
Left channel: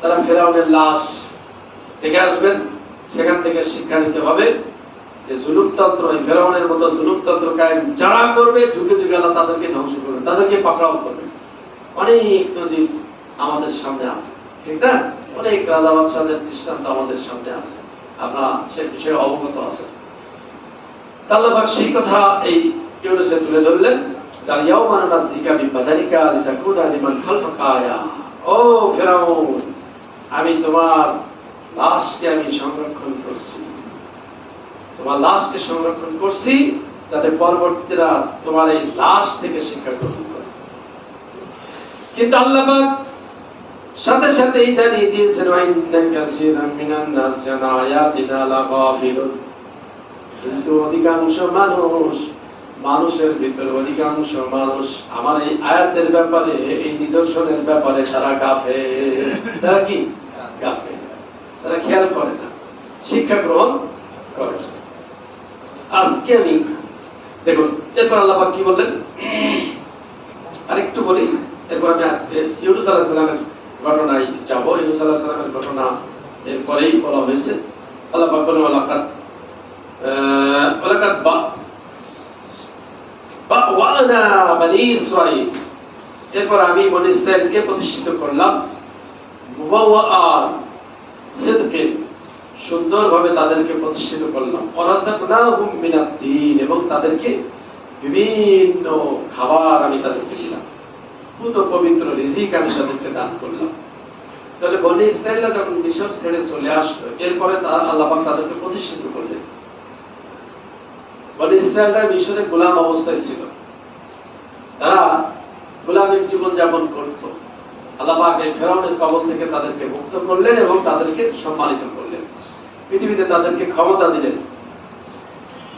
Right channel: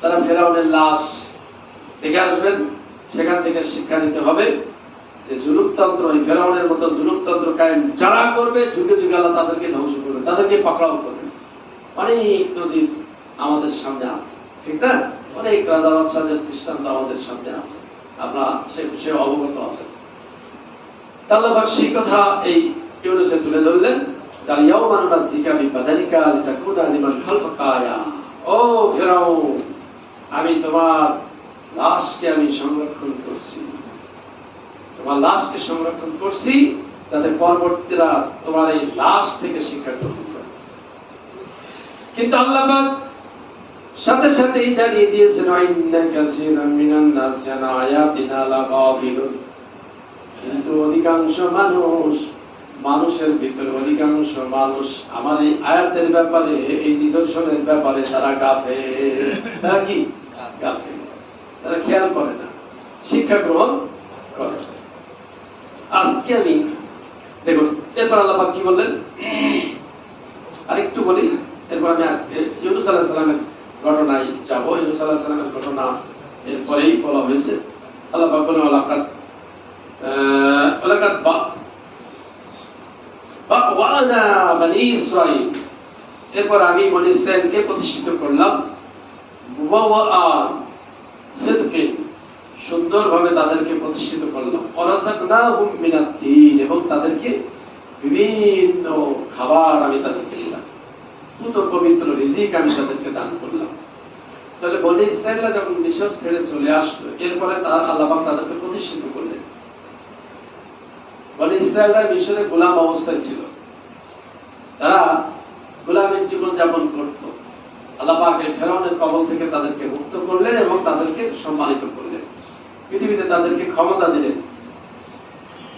তারা ফেরাউনের লাশ দেখে আসবেন, সেখান থেকে শিক্ষা নিতে হবে যে জুলুমতন্ত্র, এই ফেরাউনের মতো জুলুমতন্ত্র কায়েম যারা করবে, যুগে যুগে আল্লাহ তাদেরকে ধ্বংস করবে, তাদেরকে পাকড়াও করবে। অনেক নজির আমাদের সামনে আছে, ঠিক না? অনেক রাজা বাদশাদের দৃষ্টান্ত আমাদের সামনে আছে, আমরা সে বিষয়ে অবগত আছেন। আল্লাহ পাক সেই কথা এই ইউনূসে তুলে ধরলেন, তার ইয়াউমা নাযিকা বিবাদানিকা লিতাকুনা লিমান খালফাকা আয়া। ও ফেরাউন, আমি তোমার লাশকে আমি সংরক্ষণ করছি, তোমার লাশকে সংরক্ষণ করছি যাতে পরবর্তীরা তোমার এই লাশ থেকে শিক্ষা গ্রহণ করে। কিন্তু আল্লাহ পাক সাথে সাথেই জানিয়ে দিয়েছেন, ওয়াইন্না কাসীরাম মিনান নাসি আন আয়াতিনা লাগাফিলুন। কিন্তু অধিকাংশ মানুষের ভিতরে অধিকাংশ মানুষ আমার এই আয়াতের ব্যাপারে, এই নিদর্শনের ব্যাপারে তারা গাফেল। তারা কি গাফেল? তারা খেয়াল করে না, শিক্ষা গ্রহণ করে না। আজকে আমি দেখুন, এরপর আল্লাহ পাক কি বললেন আরেকটু বলি, এরপর আমি আজকে ইউনূস আলাইহিস সালামের ঘটনায় যাব। ইউনূস আলাইহিস সালামের ঘটনা এরপরেই বলা হয়েছে। আল্লাহ পাক বলেন, ওয়ালাকাদ বাওয়ানা বনী ইসরাঈল। এরপর আমি বনী ইসরাঈলকে প্রতিষ্ঠিত করলাম মুবাওয়াআ সিদকিন, সুন্দরভাবে তাদেরকে প্রতিষ্ঠিত করলাম। ওয়ারাযাকনাহুম মিনাদ-দীন, এবং তাদেরকে বিভিন্ন খাবার আমি তাদেরকে দিলাম, পুত পবিত্র রিজিক আমি তাদেরকে দান করলাম। তাহলে বনী ইসরাঈলরা যখন মিশর ছেড়ে চলে আসলো, এরপরে আল্লাহ পাক তাদেরকে প্রতিষ্ঠিত করলেন। বনী ইসরাঈলরা মিশরে গোলাম অবস্থায় ছিল, তারা গোলামের জীবন যাপন করত। আল্লাহ পাক এই ফেরাউনের কবল থেকে তাদেরকে মুক্ত করলেন এবং তাদেরকে সম্মানিত করলেন, পৃথিবীতে তাদেরকে ক্ষমতা দিলেন,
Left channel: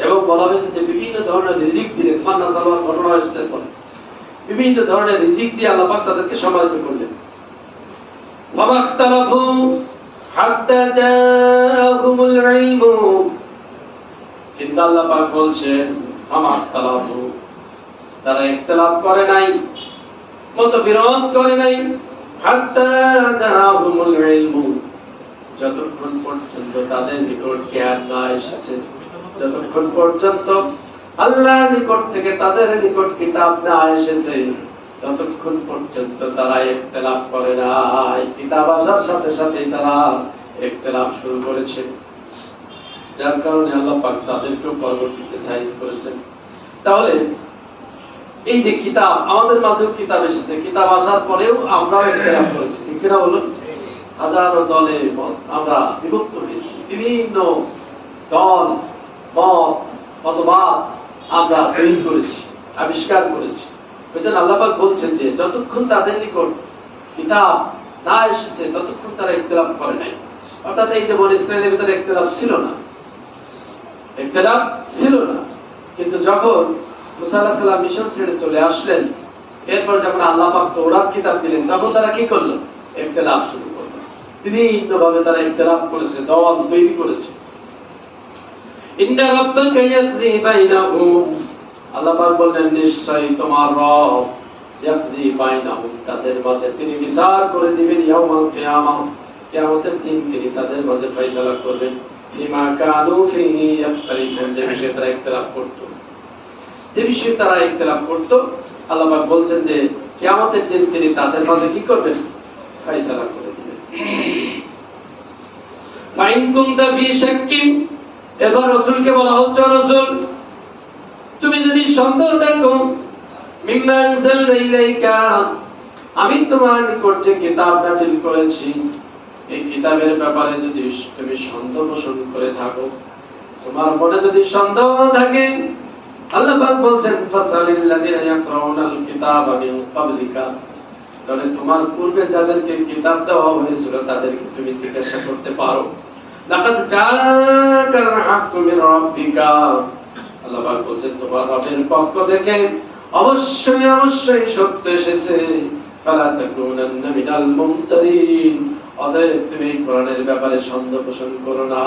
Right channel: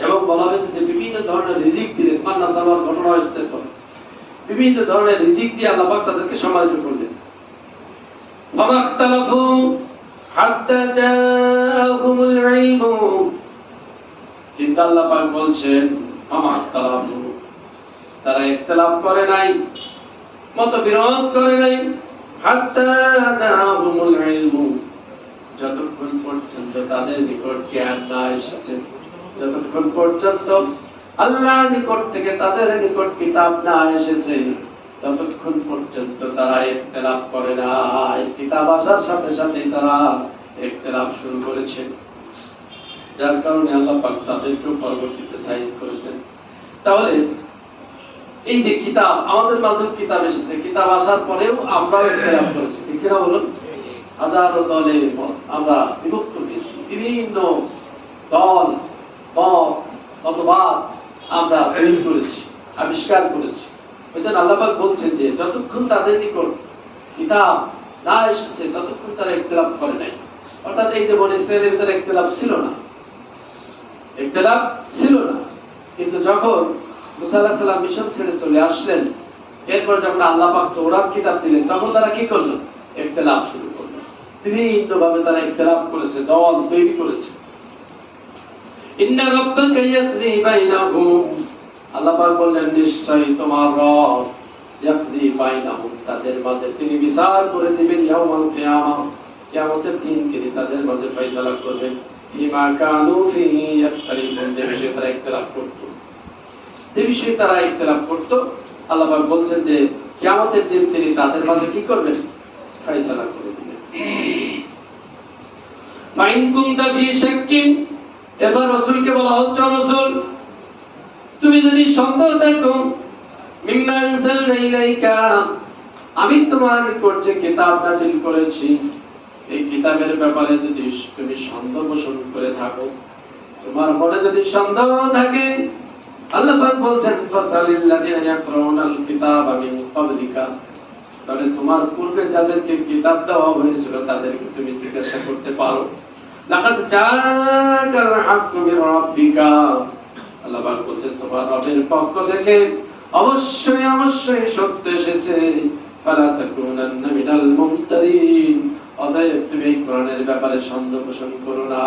এবং বলা হয়েছে যে বিভিন্ন ধরনের রিজিক দিলেন। মান্না সালওয়ার ঘটনা হয়েছে, বিভিন্ন ধরনের রিজিক দিয়ে আল্লাহ পাক তাদেরকে সম্মানিত করলেন। ফামাখতালাফু হাত্তা জাআহুমুল ইলমু, কিন্তু আল্লাহ পাক বলছেন ফামাখতালাফু, তারা ইখতিলাফ করে নাই, মতবিরোধ করে নাই, হাত্তা জাআহুমুল ইলমু, যতক্ষণ পর্যন্ত তাদের নিকট জ্ঞান না এসেছে, যতক্ষণ পর্যন্ত আল্লাহর নিকট থেকে তাদের নিকট কিতাব না এসেছে, ততক্ষণ পর্যন্ত তারা ইখতিলাফ করে নাই। কিতাব আসার সাথে সাথে তারা ইখতিলাফ শুরু করেছে, যার কারণে আল্লাহ পাক তাদেরকেও পরবর্তীতে সাইজ করেছেন। তাহলে এই যে কিতাব, আমাদের মাঝেও কিতাব এসেছে, কিতাব আসার পরেও আমরাও ইখতিলাফ করেছি, ঠিক না বলুন? হাজারো দলে আমরা বিভক্ত হয়েছি, বিভিন্ন দল মত মতবাদ আমরা তৈরি করেছি, আবিষ্কার করেছি। ওইজন্য আল্লাহ পাক বলছেন যে যতক্ষণ তাদের নিকট কিতাব না এসেছে ততক্ষণ তারা ইখতিলাফ করে নাই। অর্থাৎ এই যে বনী ইসরাঈলের ভিতরে ইখতিলাফ ছিল না, ইখতিলাফ ছিল না। কিন্তু যখন মুসা আলাইহিস সালাম মিশর ছেড়ে চলে আসলেন, এরপর যখন আল্লাহ পাক তাওরাত কিতাব দিলেন, তখন তারা কি করলো? ইখতিলাফ শুরু করলো। বিভিন্ন ভাবে তারা ইখতিলাফ করেছে, দল তৈরি করেছে। ইন্না রাব্বাকা ইয়াকযী বাইনাহুম, আল্লাহ পাক বললেন নিশ্চয়ই তোমার রব ইয়াকযী বাইনাহুম, তাদের মাঝে তিনি বিচার করে দিবেন। ইয়াউমাল কিয়ামাহ, কিয়ামতের দিন তিনি তাদের মাঝে ফয়সালা করবেন। বিমা কানু ফীহি ইয়াখতালিফুন, যে বিষয়ে তারা ইখতিলাফ করত, যে বিষয়ে তারা ইখতিলাফ করত, আল্লাহ পাক বলছেন যে কিয়ামতের দিন তিনি তাদের মাঝে কি করবেন? ফয়সালা করে দিবেন। ফাইন কুনতা ফী শাক্কিন, এবার রাসূলকে বলা হচ্ছে, রাসূল তুমি যদি সন্দেহ থাকো, মিম্মা আনজালনা ইলাইকা, আমি তোমার নিকট যে কিতাব নাযিল করেছি, এই কিতাবের ব্যাপারে যদি তুমি সন্দেহ পোষণ করে থাকো, তোমার মনে যদি সন্দেহ থাকে, আল্লাহ পাক বলছেন ফাসালিল্লাযিনা ইয়াকরাউনাল কিতাবা মিন ক্বাবলিকা, তাহলে তোমার পূর্বে যাদেরকে কিতাব দেওয়া হয়েছিল তাদেরকে তুমি জিজ্ঞাসা করতে পারো। লাকাদ জাআকাল হাক্কু মির রাব্বিকা, আল্লাহ পাক বলছেন তোমার রবের পক্ষ থেকে অবশ্যই অবশ্যই সত্য এসেছে। ফালা তাকুনান্না মিনাল মুমতারিন, অতএব তুমি কোরআনের ব্যাপারে সন্দেহ পোষণ করো না।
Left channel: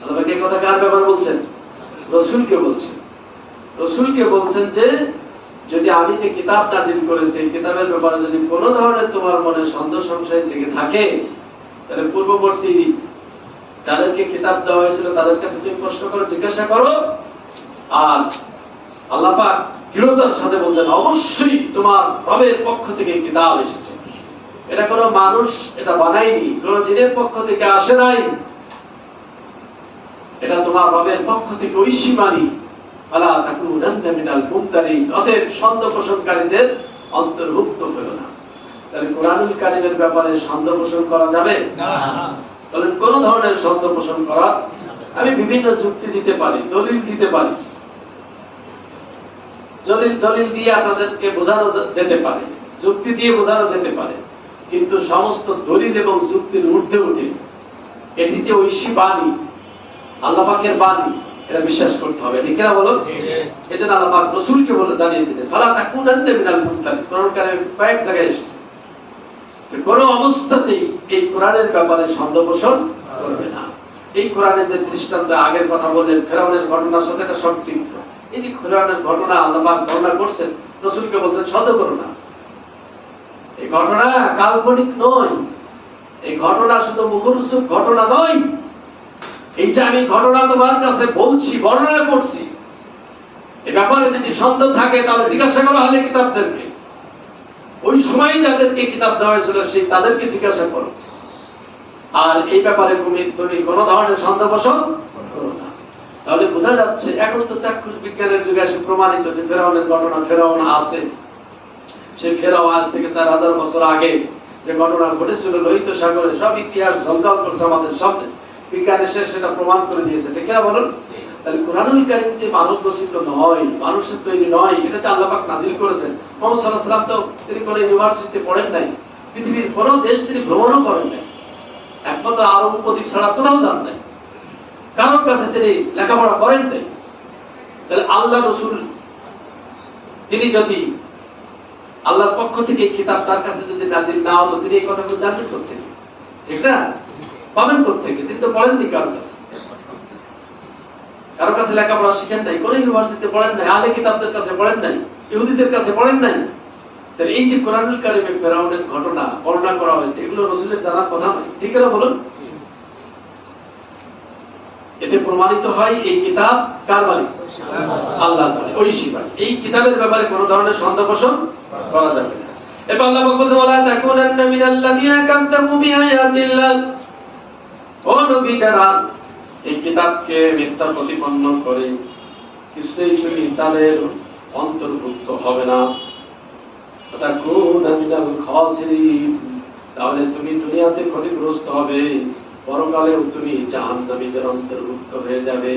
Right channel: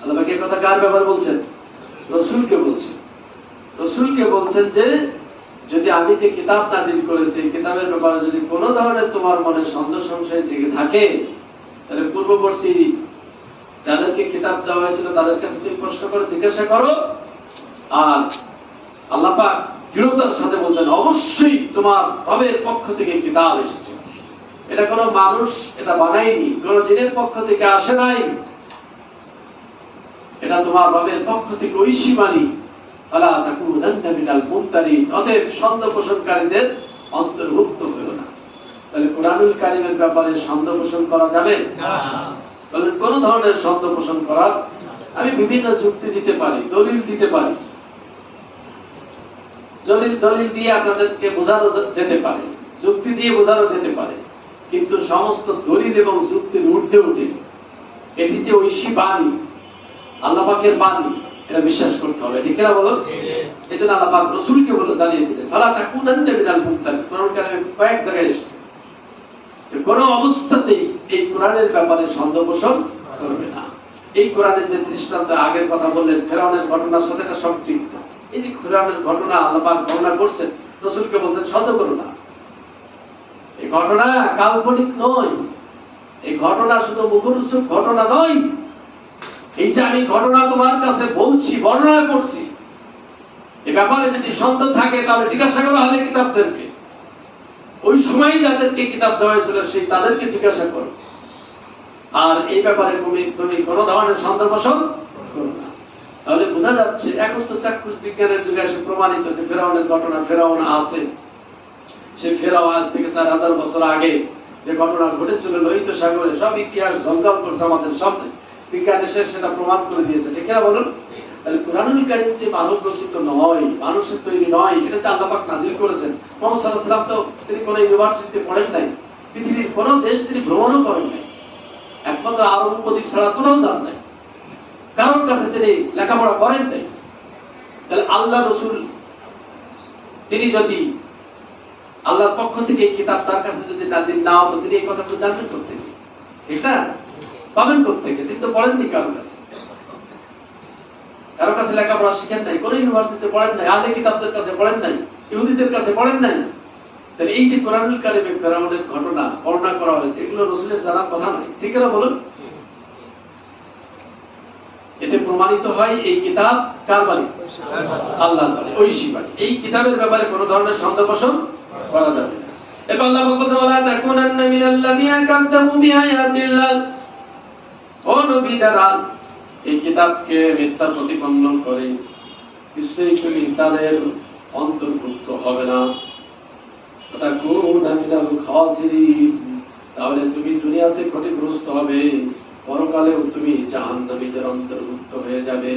আল্লাহ পাক এই কথা কার ব্যাপারে বলছেন? রাসূলকে বলছেন। রাসূলকে বলছেন যে যদি আমি যে কিতাব নাযিল করেছি, কিতাবের ব্যাপারে যদি কোনো ধরনের তোমার মনে সন্দেহ সংশয় জেগে থাকে, তাহলে পূর্ববর্তী যাদেরকে কিতাব দেওয়া হয়েছিল তাদের কাছে তুমি প্রশ্ন করো, জিজ্ঞাসা করো। আর আল্লাহ পাক দৃঢ়তার সাথে বলছেন অবশ্যই তোমার রবের পক্ষ থেকে কিতাব এসেছে। এটা কোনো মানুষ এটা বানায়নি, কোনো জিনের পক্ষ থেকে আসে নাই, এটা তোমার রবের পক্ষ থেকে ঐশী বাণী। ফালা তাকুনান্না মিনাল মুমতারিন, অতএব সন্দেহ পোষণকারীদের অন্তর্ভুক্ত হলো না। তাহলে কোরআনুল কারীমের ব্যাপারে সন্দেহ পোষণ করা যাবে না। বলেন কোন ধরনের সন্দেহ পোষণ করা? আমি বিভিন্ন যুক্তি দিতে পারি, দলিল দিতে পারি, দলিল দিয়ে আপনাদেরকে বোঝানো যেতে পারে, যুক্তি দিয়ে বোঝানো যেতে পারে, কিন্তু সমস্ত দলিল এবং যুক্তির ঊর্ধ্বে উঠে এটি যে ঐশী বাণী, আল্লাহ পাকের বাণী, এটা বিশ্বাস করতে হবে। ঠিক না বলো? এজন্য আল্লাহ পাক রাসূলকে বলে জানিয়ে দিলেন ফালা তাকুনান্না মিনাল মুমতারিন। কোরআন কারিমে কয়েক জায়গায় এসেছে যে কোনো অবস্থাতেই এই কোরআনের ব্যাপারে সন্দেহ পোষণ করবে না। এই কোরআনের যে দৃষ্টান্ত আগের কথা বললেন ফেরাউনের ঘটনার সাথে এটা সম্পৃক্ত। এই যে কোরআনের ঘটনা আল্লাহ পাক বর্ণনা করছেন, রাসূলকে বলছেন সন্দেহ করো না। এই ঘটনা কাল্পনিক নয়, এই ঘটনা শুধু মুখরোচক ঘটনা নয়। এই যে আমি ঘটনা তোমার কাছে বলছি, বর্ণনা করছি, এই ব্যাপারে যদি সন্দেহ থাকে তাহলে জিজ্ঞাসা করা হলে কিতাবদেরকে, ওই সময় যাদেরকে কিতাব দেওয়া হয়েছিল সেই তাদেরকে জিজ্ঞাসা করো। আর এই ব্যাপারে তুমি কোনো ধরনের সন্দেহ পোষণ করো না। তাহলে বোঝা যাচ্ছে এখন তো চাক্ষুষ বিজ্ঞানের যুগে এসে প্রমাণিত যে ফেরাউনের ঘটনা, ফেরাউন আছে, সেই ফেরাউন আজ থেকে 4000 বছর আগে যে ঘটনা ঘটেছিল লোহিত সাগরে, সব ইতিহাস ঝলকাল করছে আমাদের সামনে, বিজ্ঞান এসে সেটা প্রমাণ করে দিয়েছে। ঠিক না বলুন? তাহলে কোরআনুল কারীম যে মানব রচিত নয়, মানুষের তৈরি নয়, এটা যে আল্লাহ পাক নাযিল করেছেন। মুহাম্মদ সাল্লাল্লাহু আলাইহি ওয়াসাল্লাম তো তিনি কোনো ইউনিভার্সিটিতে পড়েন নাই, পৃথিবীর কোনো দেশ তিনি ভ্রমণও করেন নাই, একমাত্র আরব উপদ্বীপ ছাড়া কোথাও যান নাই, কারোর কাছে তিনি লেখাপড়া করেন নাই। তাহলে আল্লাহ রাসূল তিনি যদি আল্লাহর পক্ষ থেকে কিতাব তার কাছে যদি নাযিল না হতো তিনি এই কথাগুলো জানতেন কোত্থেকে? ঠিক না? পাবেন কোত্থেকে? তিনি তো পড়েননি কারোর কাছে, কারোর কাছে লেখাপড়া শিখেন নাই, কোন ইউনিভার্সিটিতে পড়েন নাই, আহলে কিতাবদের কাছে পড়েন নাই, ইহুদিদের কাছে পড়েন নাই। তাহলে এই যে কোরআনুল কারীমে ফেরাউনের ঘটনা বর্ণনা করা হয়েছে, এগুলো রাসূলের জানার কথা নয়। ঠিক না বলুন? এতে প্রমাণিত হয় এই কিতাব কার বাণী? আল্লাহর বাণী, ঐশী বাণী। এই কিতাবের ব্যাপারে কোনো ধরনের সন্দেহ পোষণ করা যাবে না। এরপর আল্লাহ বলতে ওয়ালা তাকুনান্না মিনাল্লাযিনা কাযযাবু বিআয়াতিল্লাহ, ও নবী যারা এই কিতাবকে মিথ্যা প্রতিপন্ন করে কিছুতেই তুমি তাদের অন্তর্ভুক্ত হবে না। তাকুনা মিনাল খাসিরিন, তাহলে তুমি দুনিয়াতে ক্ষতিগ্রস্ত হবে, পরকালেও তুমি জাহান্নামীদের অন্তর্ভুক্ত হয়ে যাবে।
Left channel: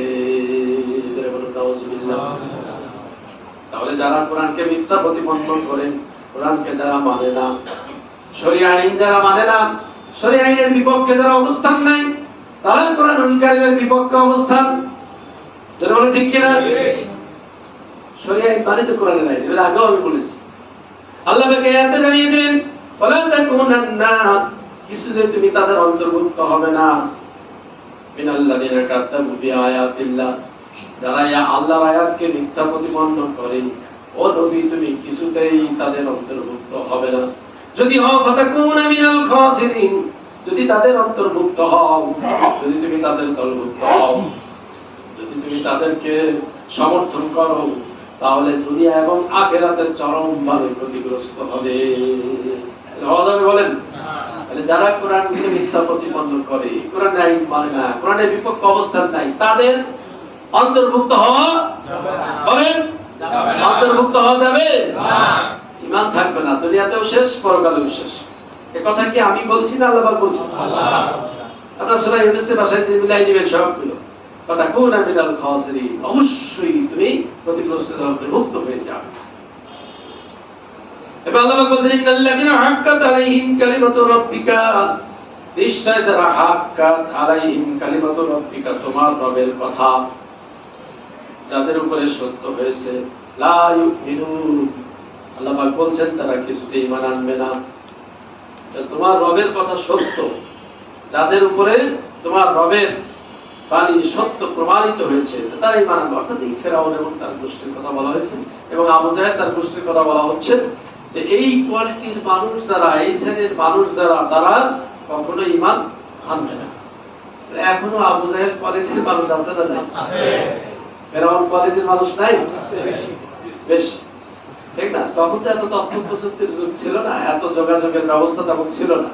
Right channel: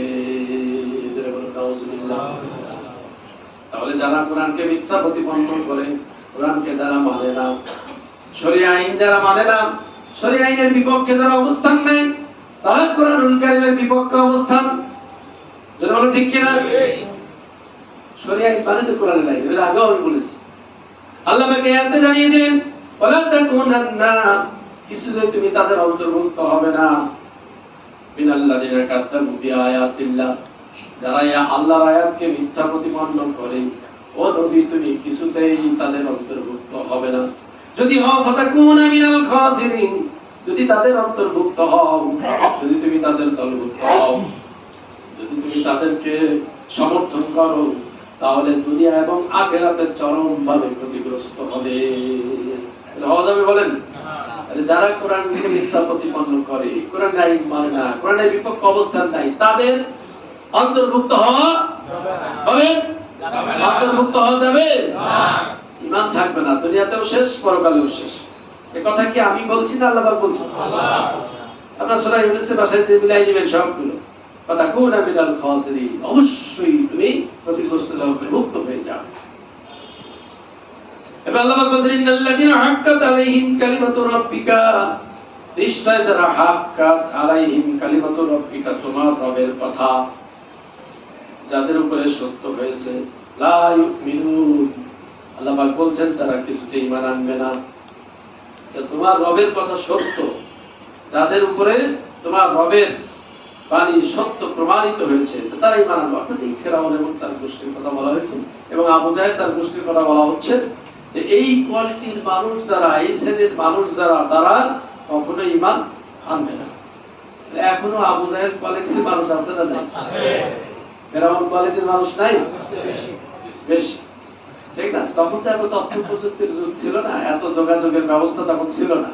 তাহলে যারা কোরআনকে মিথ্যা প্রতিপন্ন করে, কোরআনকে যারা মানে না, শরীয়ত আইন যারা মানে না, শরীয়ত আইনের বিপক্ষে যারা অবস্থান নেয়, তারা কোরআনুল কারীমের বিপক্ষে অবস্থান। যারা বলে ঠিক কিনা? শরীয়ত আইন মানে তো কোরআনে নাই, এর আগেও আমি বলেছি। আল্লাহ পাক আয়াতে জানিয়ে দেন ওয়ালা তাকুনান্না, কিছুতে তুমি তাদের অন্তর্ভুক্ত হবে না, মিনাল্লাযিনা কাযযাবু বিআয়াতিল্লাহ, যারা আল্লাহর আয়াতকে মিথ্যা প্রতিপন্ন করে, ও নবী তুমি কিছুতেই তাদের অন্তর্ভুক্ত হবে না। যদি হও ফাতাকুনা মিনাল খাসিরিন, যদি তাদের অন্তর্ভুক্ত হও, যদি তুমি তাদের দলভুক্ত হও, যদি তুমি তাদেরকে সমর্থন করো, তাহলে দুনিয়া এবং আখিরাতে চরমভাবে ক্ষতিগ্রস্ত হবে। হওয়া যাবে বলেন? যারা কোরআনকে মিথ্যা প্রতিপন্ন করে, কোরআনের আইন মানে না, কোরআনের বিপক্ষে অবস্থান নাই, তাদের অন্তর্ভুক্ত হওয়া হবে? অন্তর্ভুক্ত হওয়া যাবে না, ঈমান থাকবে না, দুনিয়াতেও শেষ, পরকালেও শেষ। এই কথা কি আমি বলছি না আল্লাহ পাক বলছেন? আপনারা সূরা ইউনূসের ভাষায় যে মিলাই দিবেন সবগুলো, ফাতাকুনা মিনাল খাসিরিন, অবশ্যই তুমি ক্ষতিগ্রস্তদের অন্তর্ভুক্ত হয়ে যাবে। এবার আল্লাহ পাক বলেন ইন্নাল্লাযিনা হাক্কাত আলাইহিম কালিমাতু রাব্বিকা, নিশ্চয় যারা হাক্কাত আলাইহিম কালিমাতু রাব্বিকা, তোমার রবের কথা যাদের উপরে সত্য হয়েছে, লা ইউমিনুন, আল্লাহ পাক বলছেন তারা কিছুতেই ঈমান আনবে না। তোমার রবের কথা সত্য, যাদের উপরে তোমার রবের বাণী সত্য প্রমাণিত হয়েছে, তারা ঈমান আনবে। অর্থাৎ এই ফেরাউন এবং তার গোষ্ঠীর কথা বলা হয়েছে, এবং আবু জাহেল তার গোষ্ঠীর কথা বলা হচ্ছে যে এই কোয়ালিটির মানুষ যারা, এই শ্রেণীর মানুষ যারা, তারা কখনো ঈমান আনবে না। এখনো আবু জাহেল কোয়ালিটির মানুষ আছে না নাই? ফেরাউন কোয়ালিটির মানুষ নাই? বেশি, ঠিক না? তখন তো এত তথ্য প্রযুক্তির যুগ ছিল না, এত যোগাযোগের ব্যবস্থা তখন ছিল না।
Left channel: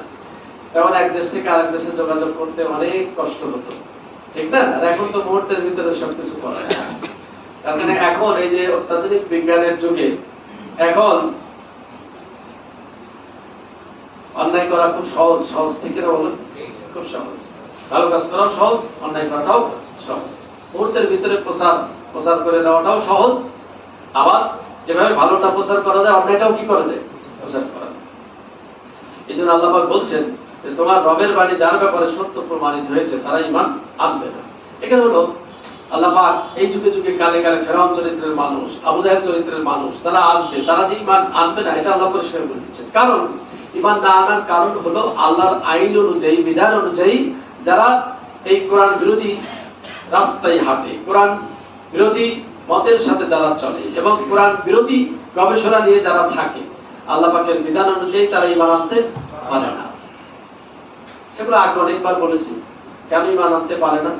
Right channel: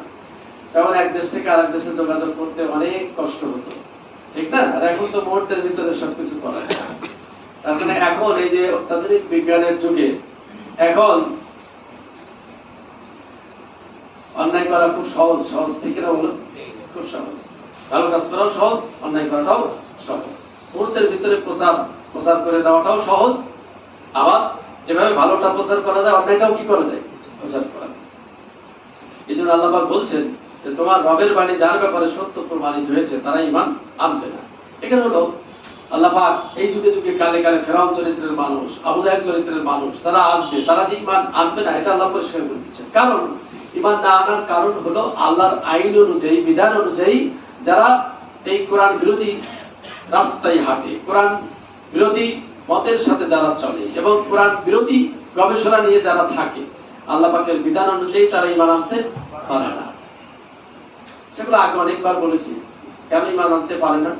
তখন এক দেশ থেকে আরেক দেশে যোগাযোগ করতে অনেক কষ্ট হতো, ঠিক না? আর এখন তো মুহূর্তের ভিতরে সবকিছু করা যায়। তার মানে এখন এই যে অত্যাধুনিক বিজ্ঞানের যুগে এখন অন্যায় করা খুব সহজ। সহজ ঠিক না বলুন? খুব সহজ। ভালো কাজ করাও সহজ, অন্যায় করাটাও সহজ। মুহূর্তের ভিতরে প্রচার করে দেওয়াটাও সহজ। আবার যেভাবে ভালোটা প্রচার করা যায়, অন্যায়টাও কি করা যায়? প্রচার করা যায়। এই জন্য আল্লাহ পাক বলছেন যে তোমার রবের বাণী যার ব্যাপারে সত্য প্রমাণিত হয়েছে তারা ঈমান আনবে না। এখানে হলো আল্লাহ পাক এই যুগে যুগে কালে কালে ফেরাউন চরিত্রের মানুষ, আবু জাহেল চরিত্রের মানুষ তারা আসবে, তারা যে ঈমান আনবে না এটা আল্লাহ পরিষ্কার করে দিচ্ছেন। কারণ ঈমান না আনার কারণ হলো আল্লাহর আইন অনুযায়ী, বিধান অনুযায়ী যারা এই কোরআন বিরোধী রাস্তায় হাঁটে, কোরআন বিরোধী মতের সাথে যারা চলে এবং কোরআন বিরোধী গবেষণা নিয়ে যারা থাকে, আল্লাহ পাকের বিধান অনুযায়ী তারা ঈমান আনতে পারে না। সেগুলো আগে অনেকবার বলেছি। কেন ঈমান আনতে পারে না,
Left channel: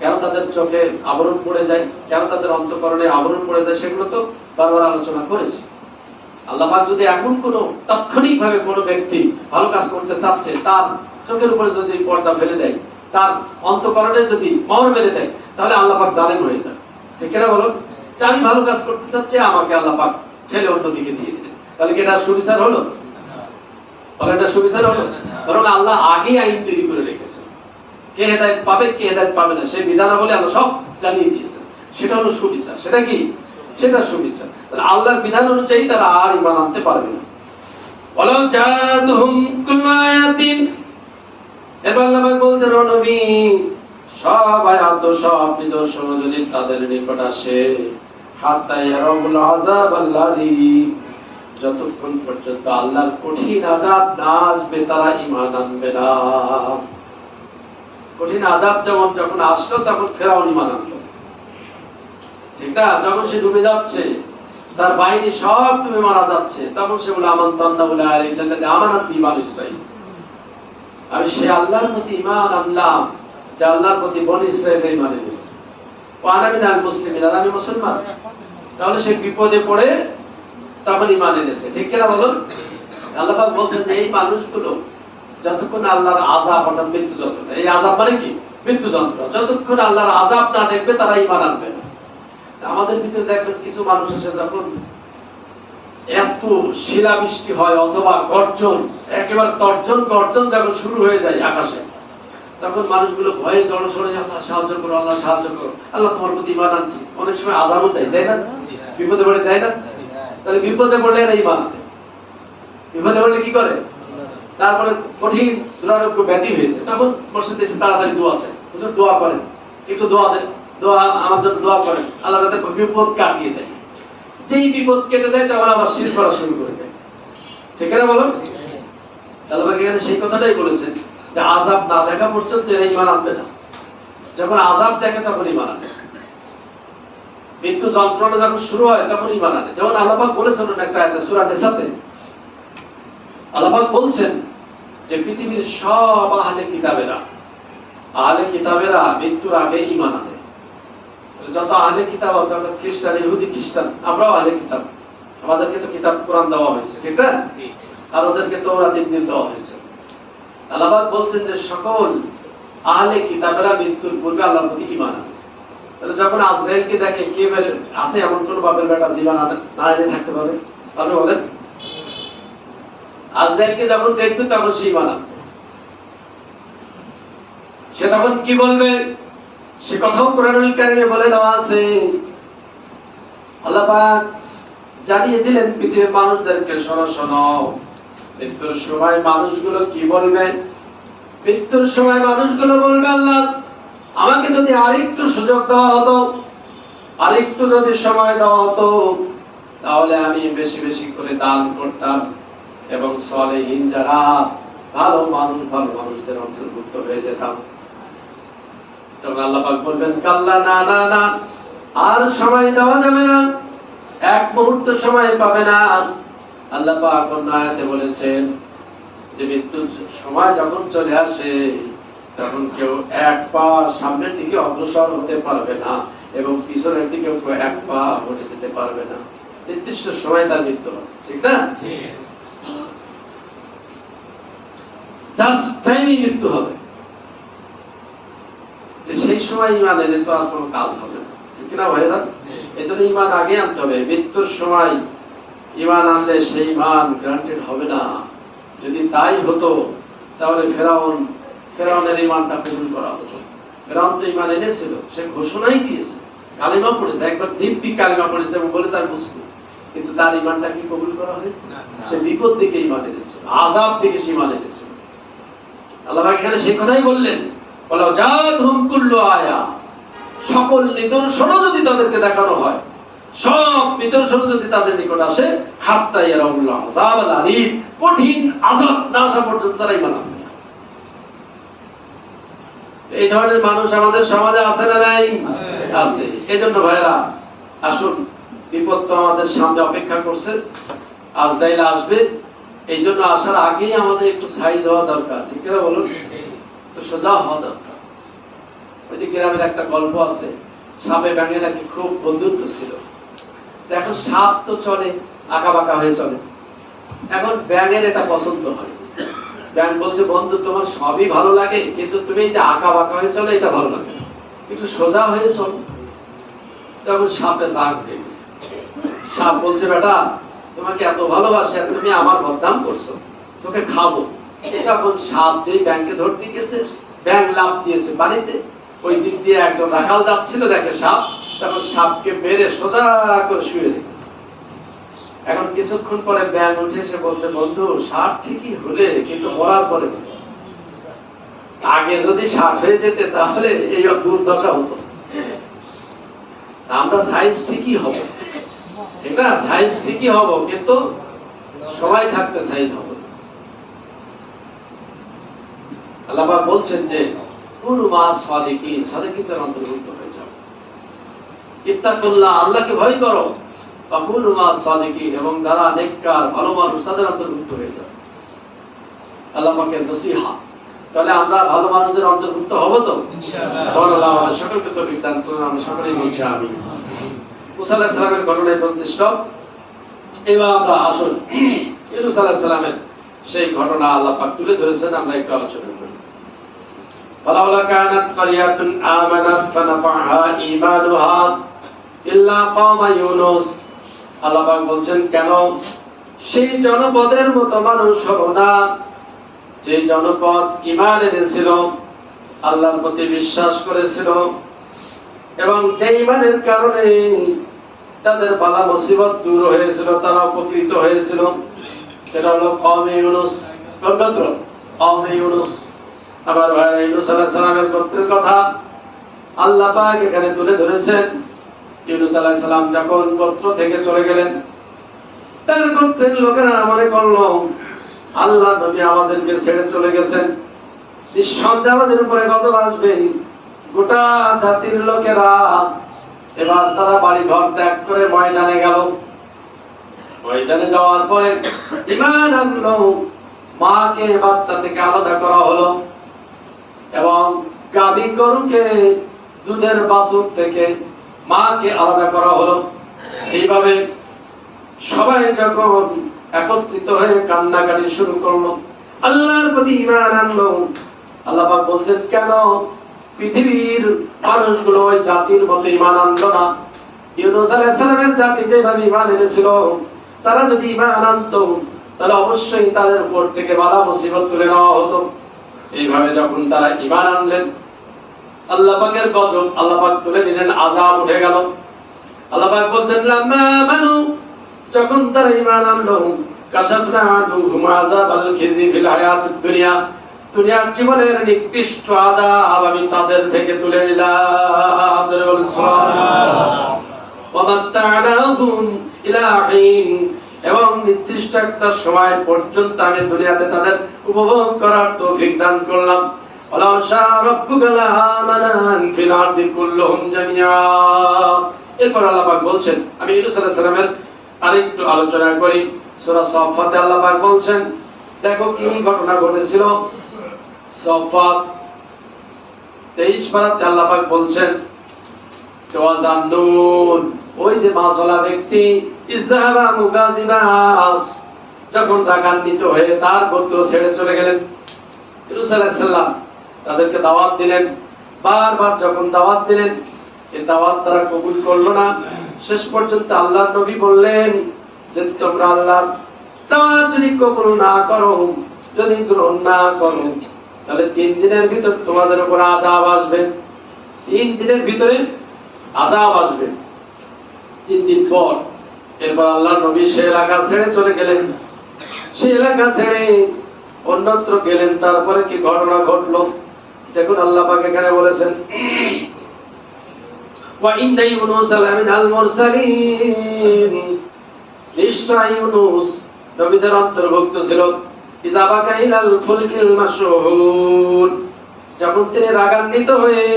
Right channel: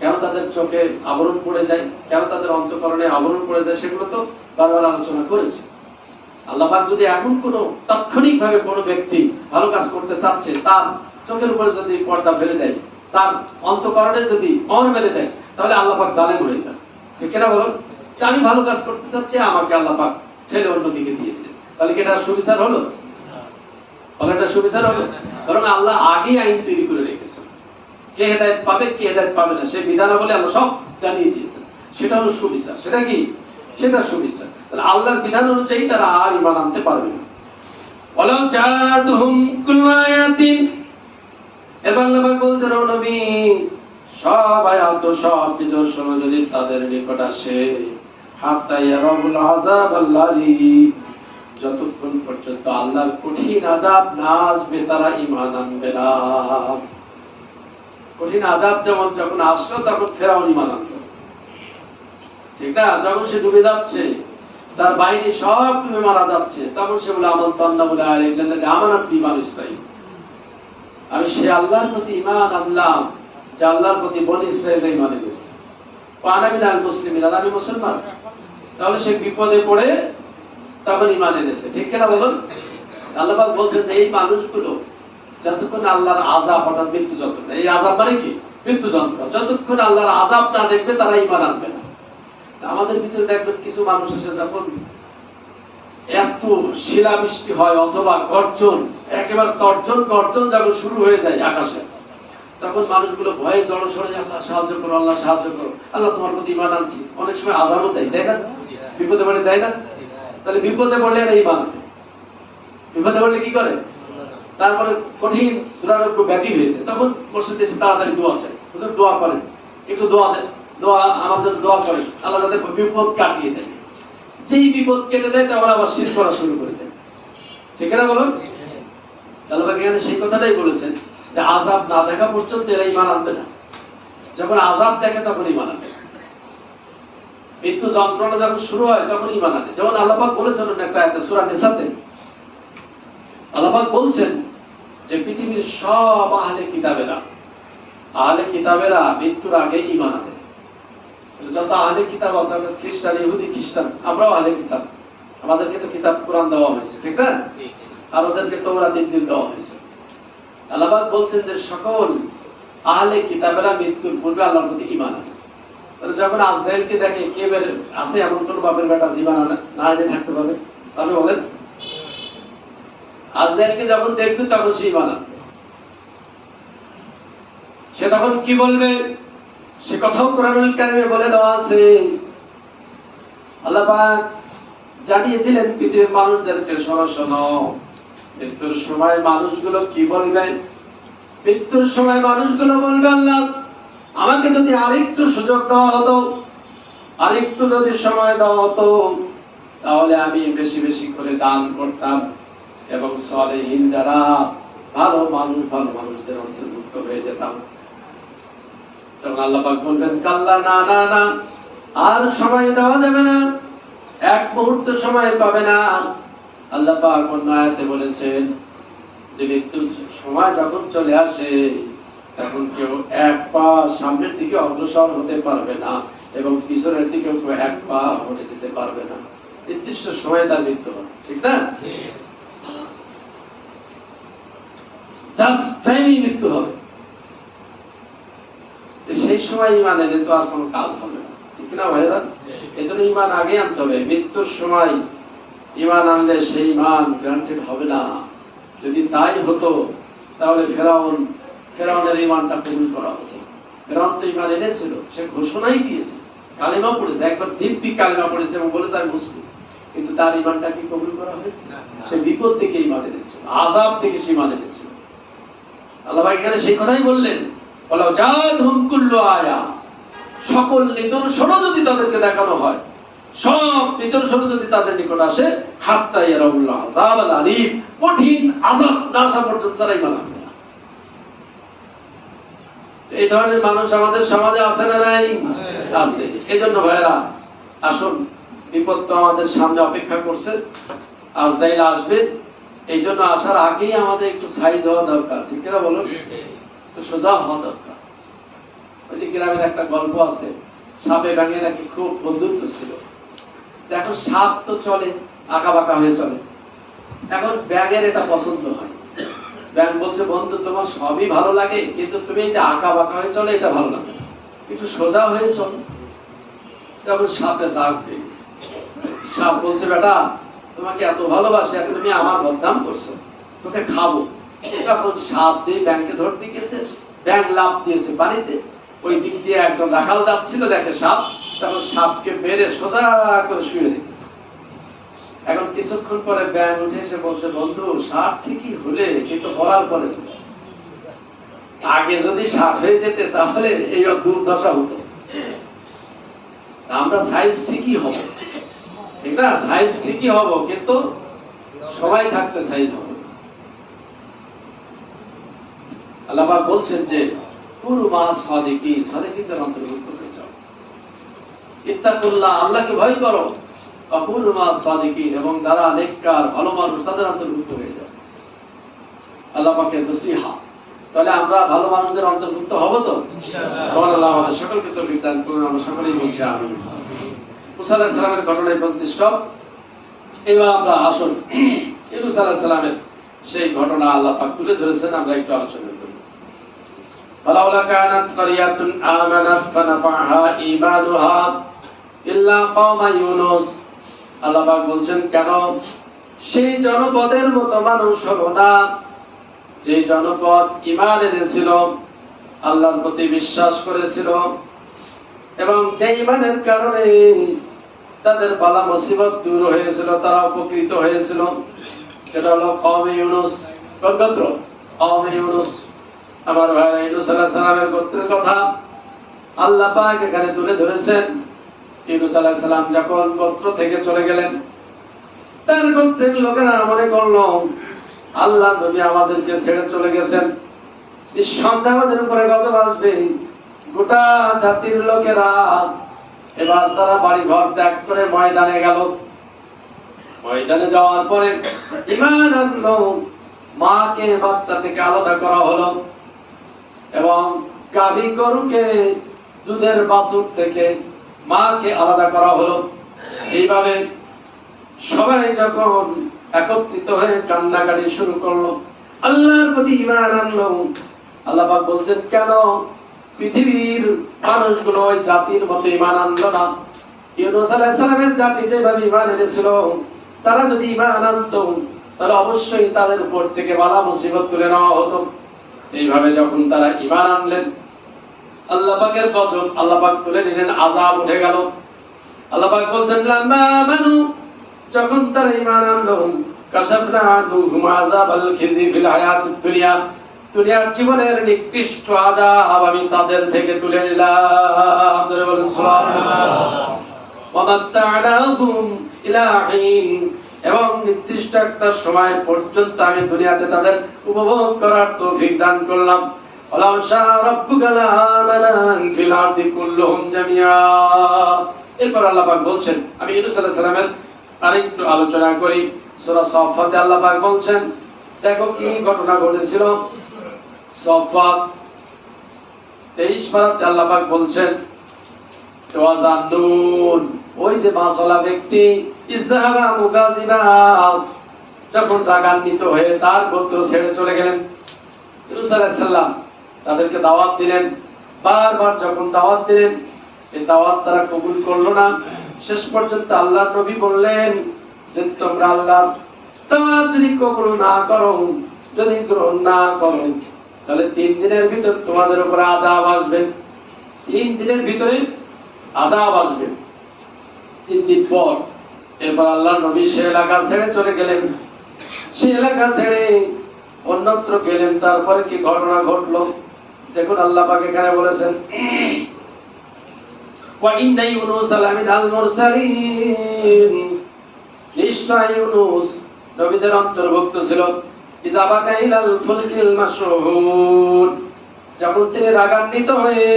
কেন তাদের চোখে আবরণ পড়ে যায়, কেন তাদের অন্তঃকরণে আবরণ পড়ে যায়, সেগুলো তো বারবার আলোচনা করেছি। আল্লাহ পাক যদি এমন কোনো তাৎক্ষণিকভাবে কোনো ব্যক্তি ভালো কাজ করতে চাচ্ছে, তার চোখের উপরে যদি পর্দা ফেলে দেয়, তার অন্তঃকরণে যদি মোহর মেরে দেয়, তাহলে আল্লাহ পাক জালেম হয়ে যায়, ঠিক না বলুন? আমি ভালো কাজ করতে চাচ্ছি, আমাকে আল্লাহ পাক ঠেলে অন্যদিকে দিয়ে দিলেন, তাহলে কি এটা সুবিচার হলো? তাহলে এটা সুবিচার হলো? বরং আল্লাহ আগেই আইন তৈরি করে রেখেছেন, কে হেদায়েত পাবে কে হেদায়েত পাবে না সেই বিধানাবলী আল্লাহ সব জানিয়ে দিয়েছেন। সেটা হলো সুবিচার। সেটা কি? সেটা সুবিচার। তাহলে আল্লাহর বিধান অনুযায়ী তারা আর ঈমান আনতে পারবে না। ওয়ালাউ জাআতুহুম কুল্লু আয়াতিন, এবার আল্লাহ বলছেন ও নবী, সব আয়াত সব নিদর্শন যদি তাদের নিকট আসে, হাত্তা ইয়ারাবুল আযাব আল্লাযী, যতক্ষণ পর্যন্ত আল্লাহর কঠিন আযাব না আসবে তারা ঈমান আনবে না। কঠিন আযাব যেমন যখন আসলো তখন ফেরাউন ঈমান আনলো, ঠিক না? যখন সে ডুবে যাচ্ছে, তার বাহিনী সব ডুবে মারা যাচ্ছে, তখন সে বলে আমানতান্না বলে আলাইহিল্লাযী আমানাত বি বানু ইসরাঈল, আমি সেই আল্লাহর প্রতি ঈমান আনলাম যে আল্লাহর প্রতি বনী ইসরাঈল ঈমান এনেছে। ওয়ানা মিনাল মুসলিমিন, আর আমি মুসলমান। তাহলে সে বিপদে পড়ে তখন ঈমান এনেছে, ঠিক কিনা বলুন? আল্লাহ পাক বলছেন যে এই মানুষগুলো যতক্ষণ আল্লাহর আযাব অর্থাৎ মৃত্যু যন্ত্রণা, এই আযাব মানে কি? মৃত্যু যন্ত্রণা, যতক্ষণ আল্লাহর আযাব না দেখবে তারা ঈমান আনবে না। আমাদের ভিতরে দেখবেন কিছু মানুষ এসে যখন এত শিলাবৃষ্টি হয় অথবা গর্জন, একেবারে তর্জন গর্জন যখন শুরু হয়ে যায় আকাশে, তখন মানুষগুলো ভয়ে জড়সড় হয়ে আল্লাহ সাহায্য করো, আল্লাহ সাহায্য করো, আল্লাহ তোমার প্রতি ঈমান আনছি। অনেক সময় আযাবও দেয়, তাই না? বিপদে পড়ে, তাই না? তাহলে বিপদে পড়লে এরা ঈমান আনে। বিপদে পড়লে কি করে? তারপরে কঠিন দুরারোগ্য ব্যাধি হয়েছে, তখন মসজিদে এসে তাড়াতাড়ি দোয়া চায়, হুজুর দোয়া করেন, একটু দোয়া দেন, দোয়া আমার জন্য দোয়া করেন, আল্লাহ যাতে বিপদ কাটিয়ে দেয়। যেই বিপদ কেটে যায় তখন আবার শিরক করা শুরু করে দেয়, ঠিক না বলুন? আল্লাহ পাক এখানে সেই কথাটাই বলেছেন যে আযাব না দেখা পর্যন্ত এরা ঈমান আনবে না। যখন আযাব দেখে তখন ঈমান আনে, মৃত্যু যন্ত্রণা যখন শুরু হয় তখন ঈমান আনে। যেমন আল্লাহ পাক বলেছেন একটা আয়াতে সূরা নিসাতে, আল্লাহ পাক বলছেন যে পৃথিবীর সব আহলে কিতাবেরা মৃত্যুর আগে ঈমান আনে। যত আহলে কিতাব আছে, অর্থাৎ খ্রিস্টান, ইহুদি খ্রিস্টান, আমরাও আহলে কিতাব, আমাদেরকে তো কিতাব কোরআন দেওয়া হয়েছে, ঠিক না? আর ওদেরকে তাওরাত ইনজিল দেওয়া হয়েছে। আল্লাহ পাক বলছেন যে সকল আহলে কিতাবেরা মৃত্যুর পূর্বে আল্লাহর প্রতি ঈমান আনে। তাহলে যখন আজরাইলকে দেখে, কে বলে আছে এমন কোন বাপের বেটা জীবন না এনে থাকতে পারে? আপনি বলেন? আজরাইলকে যখন দেখবে তখন সে ঈমান আনবে। সে তখন কি বলবে সে কথাও কোরআনুল কারীমে বলে দেওয়া আছে। আল্লাহ পাক জানিয়ে দিলেন পৃথিবীর মানুষদেরকে, শোনো, মৃত্যুর সময় মানুষগুলো কি বলবে? মৃত্যুর সময় মানুষগুলো বলবে, আল্লাহ আমাকে যদি আরেকটু সুযোগ দেওয়া হতো, আরেকটু যদি সময় দেওয়া হতো, তাহলে আমি বেশি বেশি করে দান করতাম এবং সালেহীন যারা ভালো মানুষদের অন্তর্ভুক্ত হয়ে যেতাম। তখন আল্লাহ পাক বলবেন, কাল্লা, না না না, আর সময় দেওয়া যাবে না, এক মুহূর্ত সময় পাবে না। আল্লাহ পাক অন্য আয়াতে বলেছেন যে মৃত্যুর সময় যখন চলে আসে তখন কেউ এক পা সামনের দিকে অগ্রসর হতে পারবে না এবং পিছনের দিকে কেউ এক পা হতে যেতে পারবে না। নির্দিষ্ট সময় তার মৃত্যু হবে, ঠিক না? জাস্ট টাইমই মৃত্যু হবে। সেই সময় ইমান এলে তো আর কোনো কাজ হবে না, ঠিক না ভাইরা? এই জন্য ইমান আগে আনতে হবে। মৃত্যুর সময় ইমান আনলে সেই ইমান গ্রান্টেড হবে না। যদি তাই হতো তাহলে ফেরাউনের ইমানটা কবুল করা হতো। ফেরাউন তো ইমান এনেছিল, সে ঘোষণাই দিয়েছে, কালিমা পড়েছে, একবার দিব্যি কালিমা পড়েছে এবং বলেছে আমি মুসলিম, কিন্তু তার ইমানটা কি কবুল করা হয়েছে? সে বিপদ থেকে ইমান এনেছিল, আযাব থেকে সে ইমান এনেছিল। আল্লাহ পাক এখানে সেই কথাই বললেন, বলা জাতুহুম কুল্লু আয়া, সকল নিদর্শন যদি তাদেরকে দেখানো হয়, সব নিদর্শন যদি তাদের নিকট আসে, হাত্তা ইয়ারাউল আযাব আল আলীম, কঠিন আযাব না আসা পর্যন্ত তারা ঈমান আনবে না। এই ধরনের মানুষ আমাদের সমাজে আছে না নাই? আছে। এজন্য ভাইরা আসুন, বিপদ তো আমাদের সামনে অপেক্ষা করছে, আজরাইল আসবে, এই জন্য আসার আগেই আমাদের একটু সাইজ হওয়া দরকার, ঠিক না বলুন? একটু সোজা হওয়া দরকার। ওই যে গ্রামের একটা গল্প আছে, সাপে ব্যাঙে নাকি খুব বন্ধুত্ব ছিল। দেখো সাপ তো চলে আঁকা বাঁকা হয়ে চলে, এখন ব্যাঙের এটা পছন্দ হয়। ব্যাঙ বলছে, বন্ধু তোমার সবই ভালো লাগে, কিন্তু তুমি যে আঁকা বাঁকা হয়ে চলে এটা ভালো লাগে, একটু সোজা হয়ে চলো। তখন সাপের রাগ হয়ে গেছে। সাপ বলছে, বেটা তোমাকে এত ভালোবাসে আর তুমি আমার বদনাম করছো, তোকে খাবো। তখন সাপ যেই ব্যাঙকে ধরতে গেছে, ব্যাঙ লাফ দিয়েছে বাড়িতে। ওই দিক দিয়ে একজন রাখাল যাচ্ছিল, দেখে সাপ, তখন সাপকে মেরে সোজা করে শুয়ে রেখেছে। এখন কিছুক্ষণ পরে ব্যাঙ উঠে এসে বলছে, বন্ধু সাপ ঠিকই হলে, কিন্তু মরার পরে তো আগে যদি সাপ হয়ে যেতে তাহলে এই দুর্দশা হতো। আমরা সাইজ ঠিকই হব, ঠিক না? সাইজ ঠিকই হব, কিন্তু সবাই থাকতে সাইজ হব। আল্লাহ পাক বলছেন যে কুনু মা সাদিকিন, সাদিকিনদের অন্তর্ভুক্ত হয়ে যাও। ইত্তাকুল্লাহ, আল্লাহকে ভয় করো। কুনু মা সাদিকিন, এবং যারা নেককার ভালো মানুষ তাদের অন্তর্ভুক্ত হয়ে যাও। আল্লাহ পাকের নসিহত। তাহলে আমরা ভালো মানুষদের অন্তর্ভুক্ত হব তো ইনশাআল্লাহ। আল্লাহ আমাদের সকলকে তৌফিক দান করুন। আমরা সকলেই বলছি আমিন। মুসা আলাইহিস সালামের ঘটনায় প্রতিষ্ঠ। এবার আমরা আসুন ইউনূস আলাইহিস সালামের সেই ঘটনা আল্লাহ পাক তুলে ধরেছেন, আমরা একটু আলোচনা করি। ফালাউলা কানাত ক্বরিয়াতুন আমানাত ফানাফাহা ঈমানুহা ইল্লা কওমা ইউনূস। আল্লাহ পাক বলছেন, কেন সেই জনপদের মতো মানুষ হলো না যে জনপদ ঈমান এনেছিল, আল্লাহর প্রতি বিশ্বাস করেছিল, এবং যে ঈমানের কারণে তাদের বালা মুসিবত দূর হয়েছিল, তারা উপকৃত হয়েছিল। সেটা হলো কওমে ইউনূস। কোন গোত্র? কওমে ইউনূস। আমার ভাই ইউনূস আলাইহিস সালামের গোত্রের কথা আল্লাহ পাক এখানে তুলে ধরেছেন। ইউনূস আলাইহিস সালাম যখন গোত্র থেকে চলে গেলেন, তার গোত্রের লোকেরা মনে করলো আল্লাহ নবী আমাদেরকে ছেড়ে চলে গেছেন, নিঃসন্দেহে আমাদের উপরে গজব আসবে। গোটা জাতির লোকেরা এবার তারা বাড়ি ঘর ত্যাগ করে ময়দানে গেল। ময়দানে যাওয়ার পরে ঈমান আনলো, মাকে বাচ্চা থেকে আলাদা করা হলো, এবং গাভী গরুকে দুধের বাছুর থেকে মাকে আলাদা করা হলো। এইভাবে সবাই যখন একত্রিত হয়ে কান্নাকাটি শুরু করলো, আল্লাহর প্রতি ঈমান আনলো, আল্লাহ পাক বলছেন, কেন পৃথিবীর মানুষগুলো ওই জাতির মতো ঈমান আনলো না? ইউনূস আলাইহিস সালামের জাতি যেভাবে ঈমান এনেছিল, তারা যদি ঈমান আনতো তাহলে অবশ্যই তাদের উপর থেকে বালা মুসিবত তুলে নেওয়া হতো। এইভাবে যখন তারা ঈমান আনলেন, আল্লাহ পাকের গজব আল্লাহ পাক তুলে নিলেন, আযাব উঠে গেল। আল্লাহ পাক বলছেন, লাম্মা আমানু, যখন তারা ঈমান আনলো, কাশাফনা আনহুম আযাবাল খিজি ফিল হায়াতিদ দুনিয়া, দুনিয়ার জীবনের নিকৃষ্ট আযাব আমি তাদের থেকে তুলে নিলাম। বলুন সুবহানাল্লাহ। ওয়া মাত্তা'নাহুম ইলা হিন, এবং নির্দিষ্ট একটা সময় পর্যন্ত আমি দুনিয়াতে তাদের উপভোগ করার তৌফিক দান করলাম। ওয়ালাউ শাআ রাব্বুকা লাআমানা মান ফিল আরদি কুল্লুহুম জামিআ। এরপর আল্লাহ পাক বলছেন, আমি ইউনূস আলাইহিস সালামের আরেকটু আলোচনা করি। সূরা সাফফাতে আল্লাহ পাক বলছেন, দেখো কি ঘটনা ঘটেছিল। সাফফাত 23 পারাতে আল্লাহ পাক বলছেন ওয়াজান্নুন, ওই যে মাসওয়ালা ব্যক্তি ইযহাবা মুগাজিবা, যখন রাগান্বিত হয়ে তার গোত্র ছেড়ে চলে গেলেন। ইউনূস আলাইহিস সালাম তাদেরকে দাওয়াত দিলেন, বারবার যখন দাওয়াত দিলেন এই দাওয়াত তারা কবুল করলো না। শেষ পর্যন্ত আল্লাহর নবী বললেন যে তোমরা আল্লাহর দাওয়াত যদি কবুল না করো, যদি গ্রহণ না করো, তাহলে 3 দিনের ভিতর তোমাদের উপর আযাব আসবে। 3 দিনের ভিতরে আযাব আসবে। 3 দিন পর এরপর আল্লাহর নবী সে এলাকা ছেড়ে চলে গেলেন। সেই এলাকা ছেড়ে অন্যত্র গেলেন। তারপরে কি ঘটনা ঘটলো দেখুন, আল্লাহ পাক এখানে বলেছেন ওয়া ইন্না ইউনুস লামিনাল মুরসালিন, নিশ্চয় ইউনুস নবীদের অন্তর্ভুক্ত ছিল। ইযা বাকা ইলাল ফুলকিল মাশহুর, যখন তিনি রাগান্বিত হয়ে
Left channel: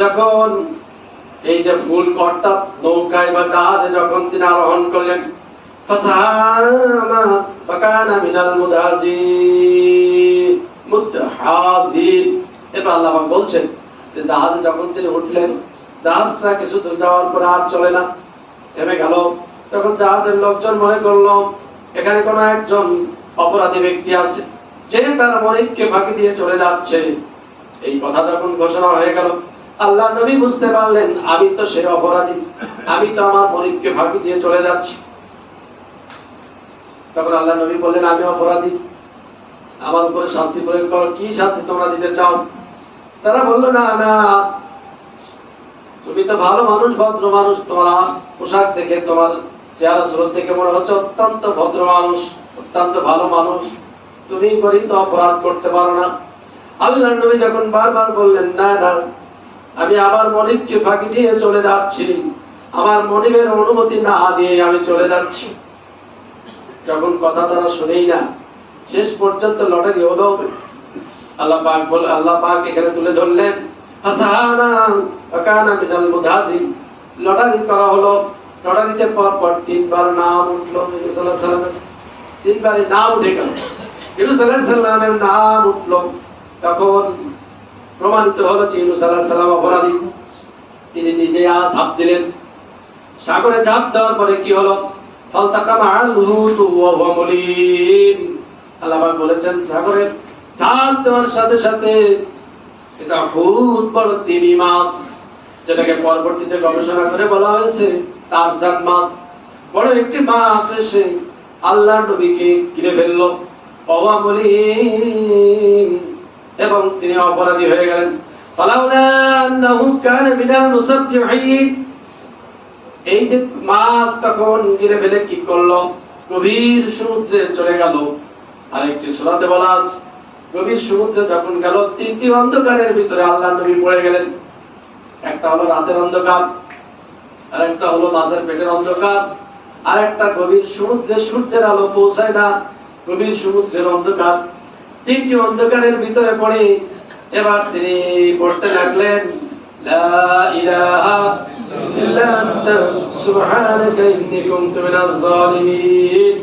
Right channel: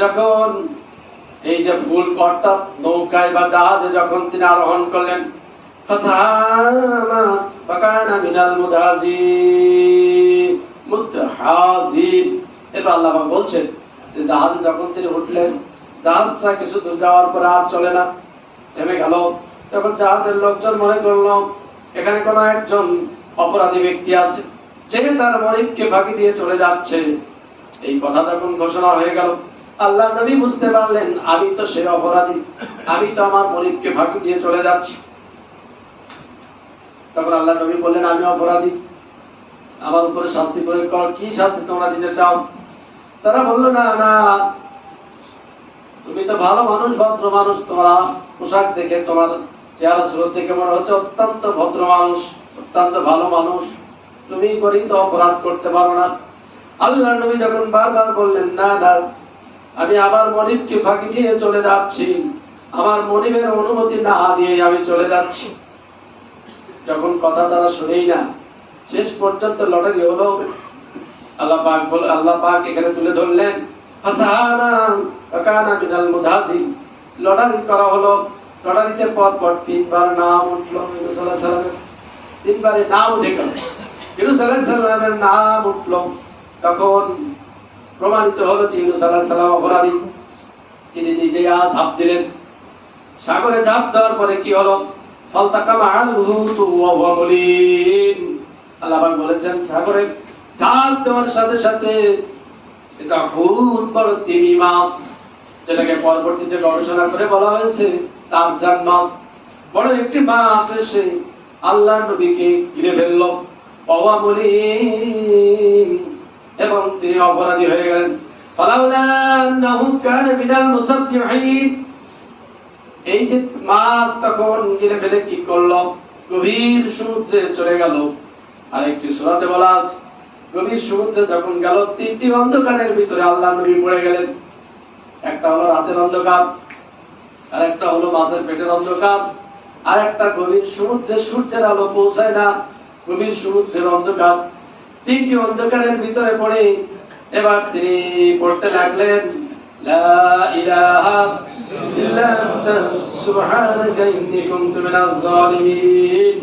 যখন এই যে ফুল অর্থাৎ নৌকায় বা জাহাজে যখন তিনি আরোহণ করলেন, ফাসাহামা ফাকানা মিনাল মুদহাজিন। এরপর আল্লাহ পাক বলছেন যে জাহাজে যখন তিনি উঠলেন, জাহাজটা কিছু দূর যাওয়ার পরে আর চলে না, থেমে গেল। তখন জাহাজের লোকজন মনে করলো এখানে কোনো একজন অপরাধী ব্যক্তি আছে, যে তার মনিবকে ফাঁকি দিয়ে চলে যাচ্ছে। এই কথা যখন ঘোষণা হয়ে গেল, আল্লাহ নবী বুঝতে পারলেন আমি তো সেই অপরাধী, আমি তো আমার মনিবকে ফাঁকি দিয়ে চলে যাচ্ছি। তখন আল্লাহ নবী বললেন আমি অপরাধী, আমার উপরে শাস্তি প্রয়োগ করো। কি শাস্তি তোমরা দিতে চাও? তারা বলল না না, তুমি তো ভালো মানুষ, ভদ্র মানুষ, তোমার পোশাক দেখে তোমার চেহারা সুরত দেখে মনে হচ্ছে অত্যন্ত ভদ্র মানুষ, অত্যন্ত ভালো মানুষ, তুমি গরিত অপরাধ করতে পারো না। আল্লাহর নবী যখন বারবার বললেন না না, আমি আমার মনিবকে ফাঁকি দিয়ে চলে যাচ্ছি, আমার মনিবের অনুমতি না দিয়ে আমি চলে যাচ্ছি। যখন কথা তারা শুনেই না, শেষ পর্যন্ত লটারি হলো। আল্লাহ পাক এখানে তুলে ধরলেন হাসানা ওয়াকানা মিনাল মুদহাজিন, লটারি করা হলো। লটারিতে পর পর 3 বার নাম উঠলো ইউনূস আলাইহিস সালামের, 3 বারে নাম উঠে গেল, ইউনূস আলাইহিস সালামের নাম উঠলো। তখন প্রমাণিত হলো যে ইউনূস আলাইহিস সালাম অপরাধী। তিনি নিজেই ঝাঁপ দিলেন। সাগরে ঝাঁপ দেওয়ার পরে কি হলো? ফালতাকামা আল হুতু ওয়া হুয়া মুলিম। আল্লাহ পাক বলেছেন সাগরে ঝাঁপ দেওয়ার সাথে সাথে এটা হুত বড় তিমি মাছ, যেটাকে পরবর্তীতে গবেষণা করে বলা হয়েছে টারজান মাছ। বড় একটি মাছ এসে আল্লাহর নবীকে ঘিরে ফেললো, ওয়া হুয়া মুলিম, এবং তিনি অপরাধী হয়ে গেলেন। ফালাউলা আন্নাহু কানা মিনাল মুসাব্বিহিন, এই যে মাছ তখন ঘিরে ফেলে কি করলো? গভীর সমুদ্রে চলে গেল। আর একটি সূরাতে বলা আছে গভীর সমুদ্রে যখন গেল, 3টি অন্ধকারের ভিতরে আল্লাহর নবী পড়ে গেলেন। একটা হলো রাতের অন্ধকার, আর একটা হলো মাছের পেটের অন্ধকার, আর একটা গভীর সমুদ্রে সূর্যের আলো পৌঁছায় না, গভীর সমুদ্রের অন্ধকার। 3টি অন্ধকারের ভিতরে পড়ে এবার তিনি পড়তে লাগলেন লা ইলাহা ইল্লা আনতা সুবহানাকা ইন্নী কুনতু মিনাজ জালিমিন।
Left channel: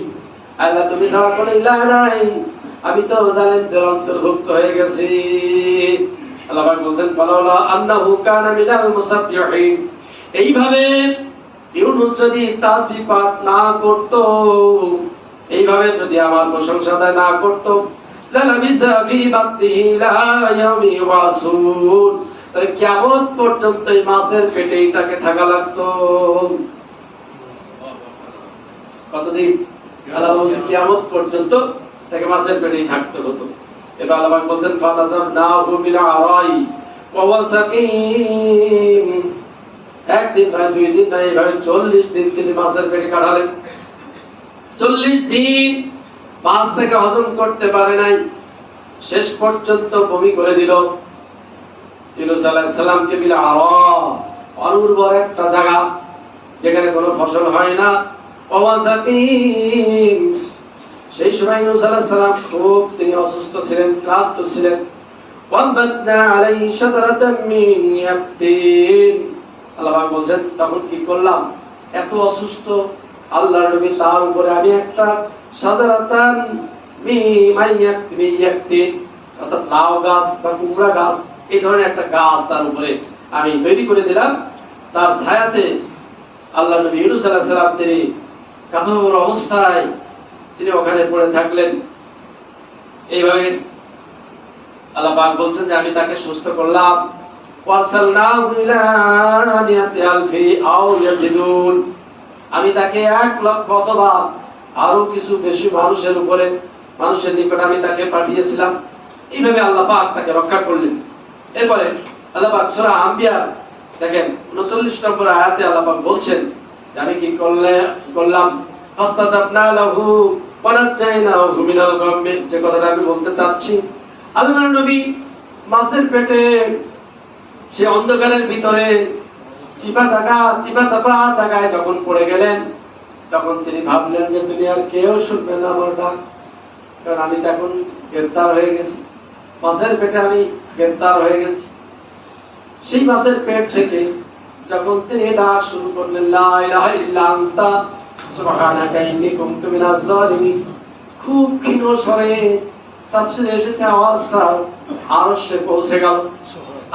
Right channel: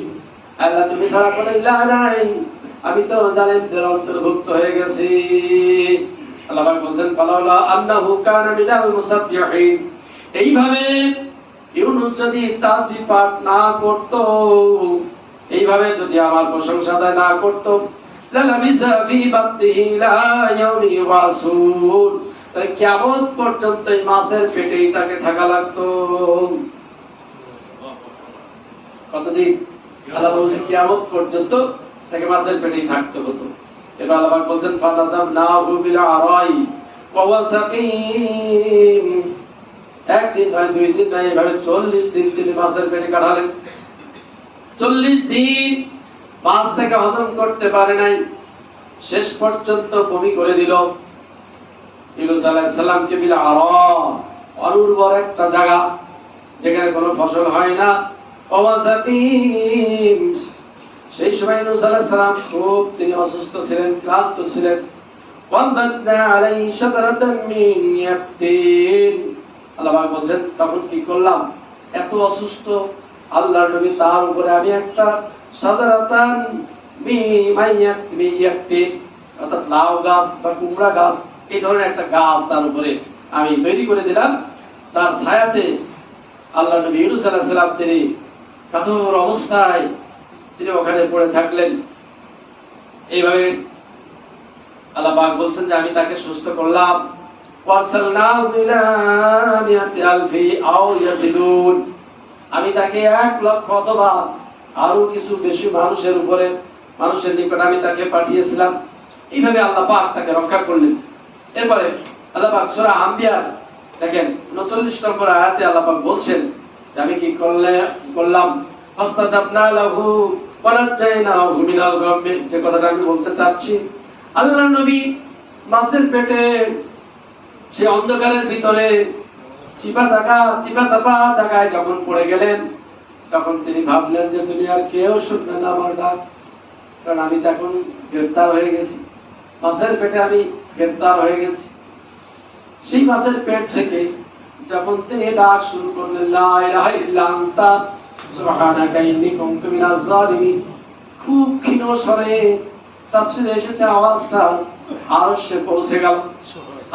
আল্লাহ তুমি ছাড়া কোনো ইলাহ নাই, আমি তো জালিমদের অন্তর্ভুক্ত হয়ে গেছি। আল্লাহ পাক বলেন ফালাউলা আন্নাহু কানা মিনাল মুসাব্বিহিন। এইভাবে ইউনূস যদি তাসবিহ পাঠ না করত, এইভাবে যদি আমার প্রশংসা না করত, লালাবিসা ফি বাতনিহি ইলা ইয়াউমি ইউবাসুন, তাহলে কিয়ামত পর্যন্ত এই মাছের পেটেই তাকে থাকা লাগতো। কতদিন? আল্লাহ বলেন কিয়ামত পর্যন্ত তাকে মাছের পেটেই থাকতে হতো। এটা আল্লাহ পাক বলেন ফাতাযাবনাহু বিল আরাই ওয়া হুয়া সাকিম। একদিন নয়, 2 দিন নয়, এইভাবে 40 দিন তিনি মাছের পেটে কাটালেন। 40 দিন মাছ থেকে হজম করতে পারে নাই, শেষ পর্যন্ত বমি করে দিল। ইউনূস আলাইহিস সালামকে বিল আরা, অনুর্বর একটা জায়গা যেখানে কোনো ফসল হয় না, ওয়া হুয়া সাকিম। সেই সময় ইউনূস আলাইহিস সালাম খুব তিনি অসুস্থ ছিলেন, ক্লান্ত ছিলেন। ওয়াবাদনা আলাইহি শাজরাতাম মিন ইয়াকতিন। আল্লাহ পাক বলেন তখন কি করলাম? এত অসুস্থ আল্লাহর নবী, তার উপরে আমি একটা শাজরাতান মিন ইয়াকতিন, অর্থাৎ লাউ গাছ বা কুমড়া গাছ এই ধরনের একটা গাছ তার উপরে আমি তৈরি করে দিলাম, তার ছায়াতে আল্লাহ নবী ইউনূস আলাইহিস সালাম তিনি কাতর অবস্থায় তিনি ওখানে পড়ে থাকলেন। এইভাবে আল্লাহ পাক বলছেন যে আমি তাকে সুস্থ করলাম। ওয়াসালনাহু ইলা মিয়াতি আলফি আও ইয়াজিদুন, আমি তাকে 1,00,000 অথবা আরো কিছু বেশি মানুষের নিকট আমি তাকে পাঠিয়েছিলাম। এইভাবে আল্লাহ পাক তাকে রক্ষা করলেন। এরপরে আল্লাহ পাক সূরা আম্বিয়া দেখেন 39 নম্বর আয়াতে আল্লাহ পাক বলছেন যে আমি কি করলাম, ফাস্তাজাবনা লাহু ওয়া নাজাইনাহু মিনাল গাম্মি। যে কথাটা আমি বলতে চাচ্ছি, আল্লাহর নবী মাছের পেটে সে অন্ধকারের ভিতরে চিপা চাপা জায়গায় যখন পড়ে গেলেন, তখন তিনি ভাবলেন যে দুনিয়ার কেউ শুনবে না আমার ডাক, কারণ আমি তখন গ্রেফতার হয়ে গেছি, মাছের পেটে আমি গ্রেফতার হয়ে গেছি। সেই মাছের পেট থেকে যখন তিনি ডাক শুরু করলেন, লা ইলাহা ইল্লা আনতা সুবহানাকা ইন্নী কুনতু মিনাজ জালিমিন, খুব ক্ষীণ স্বরে তাফসীরে এসেছে আওয়াজটা আরশে পৌঁছে গেল।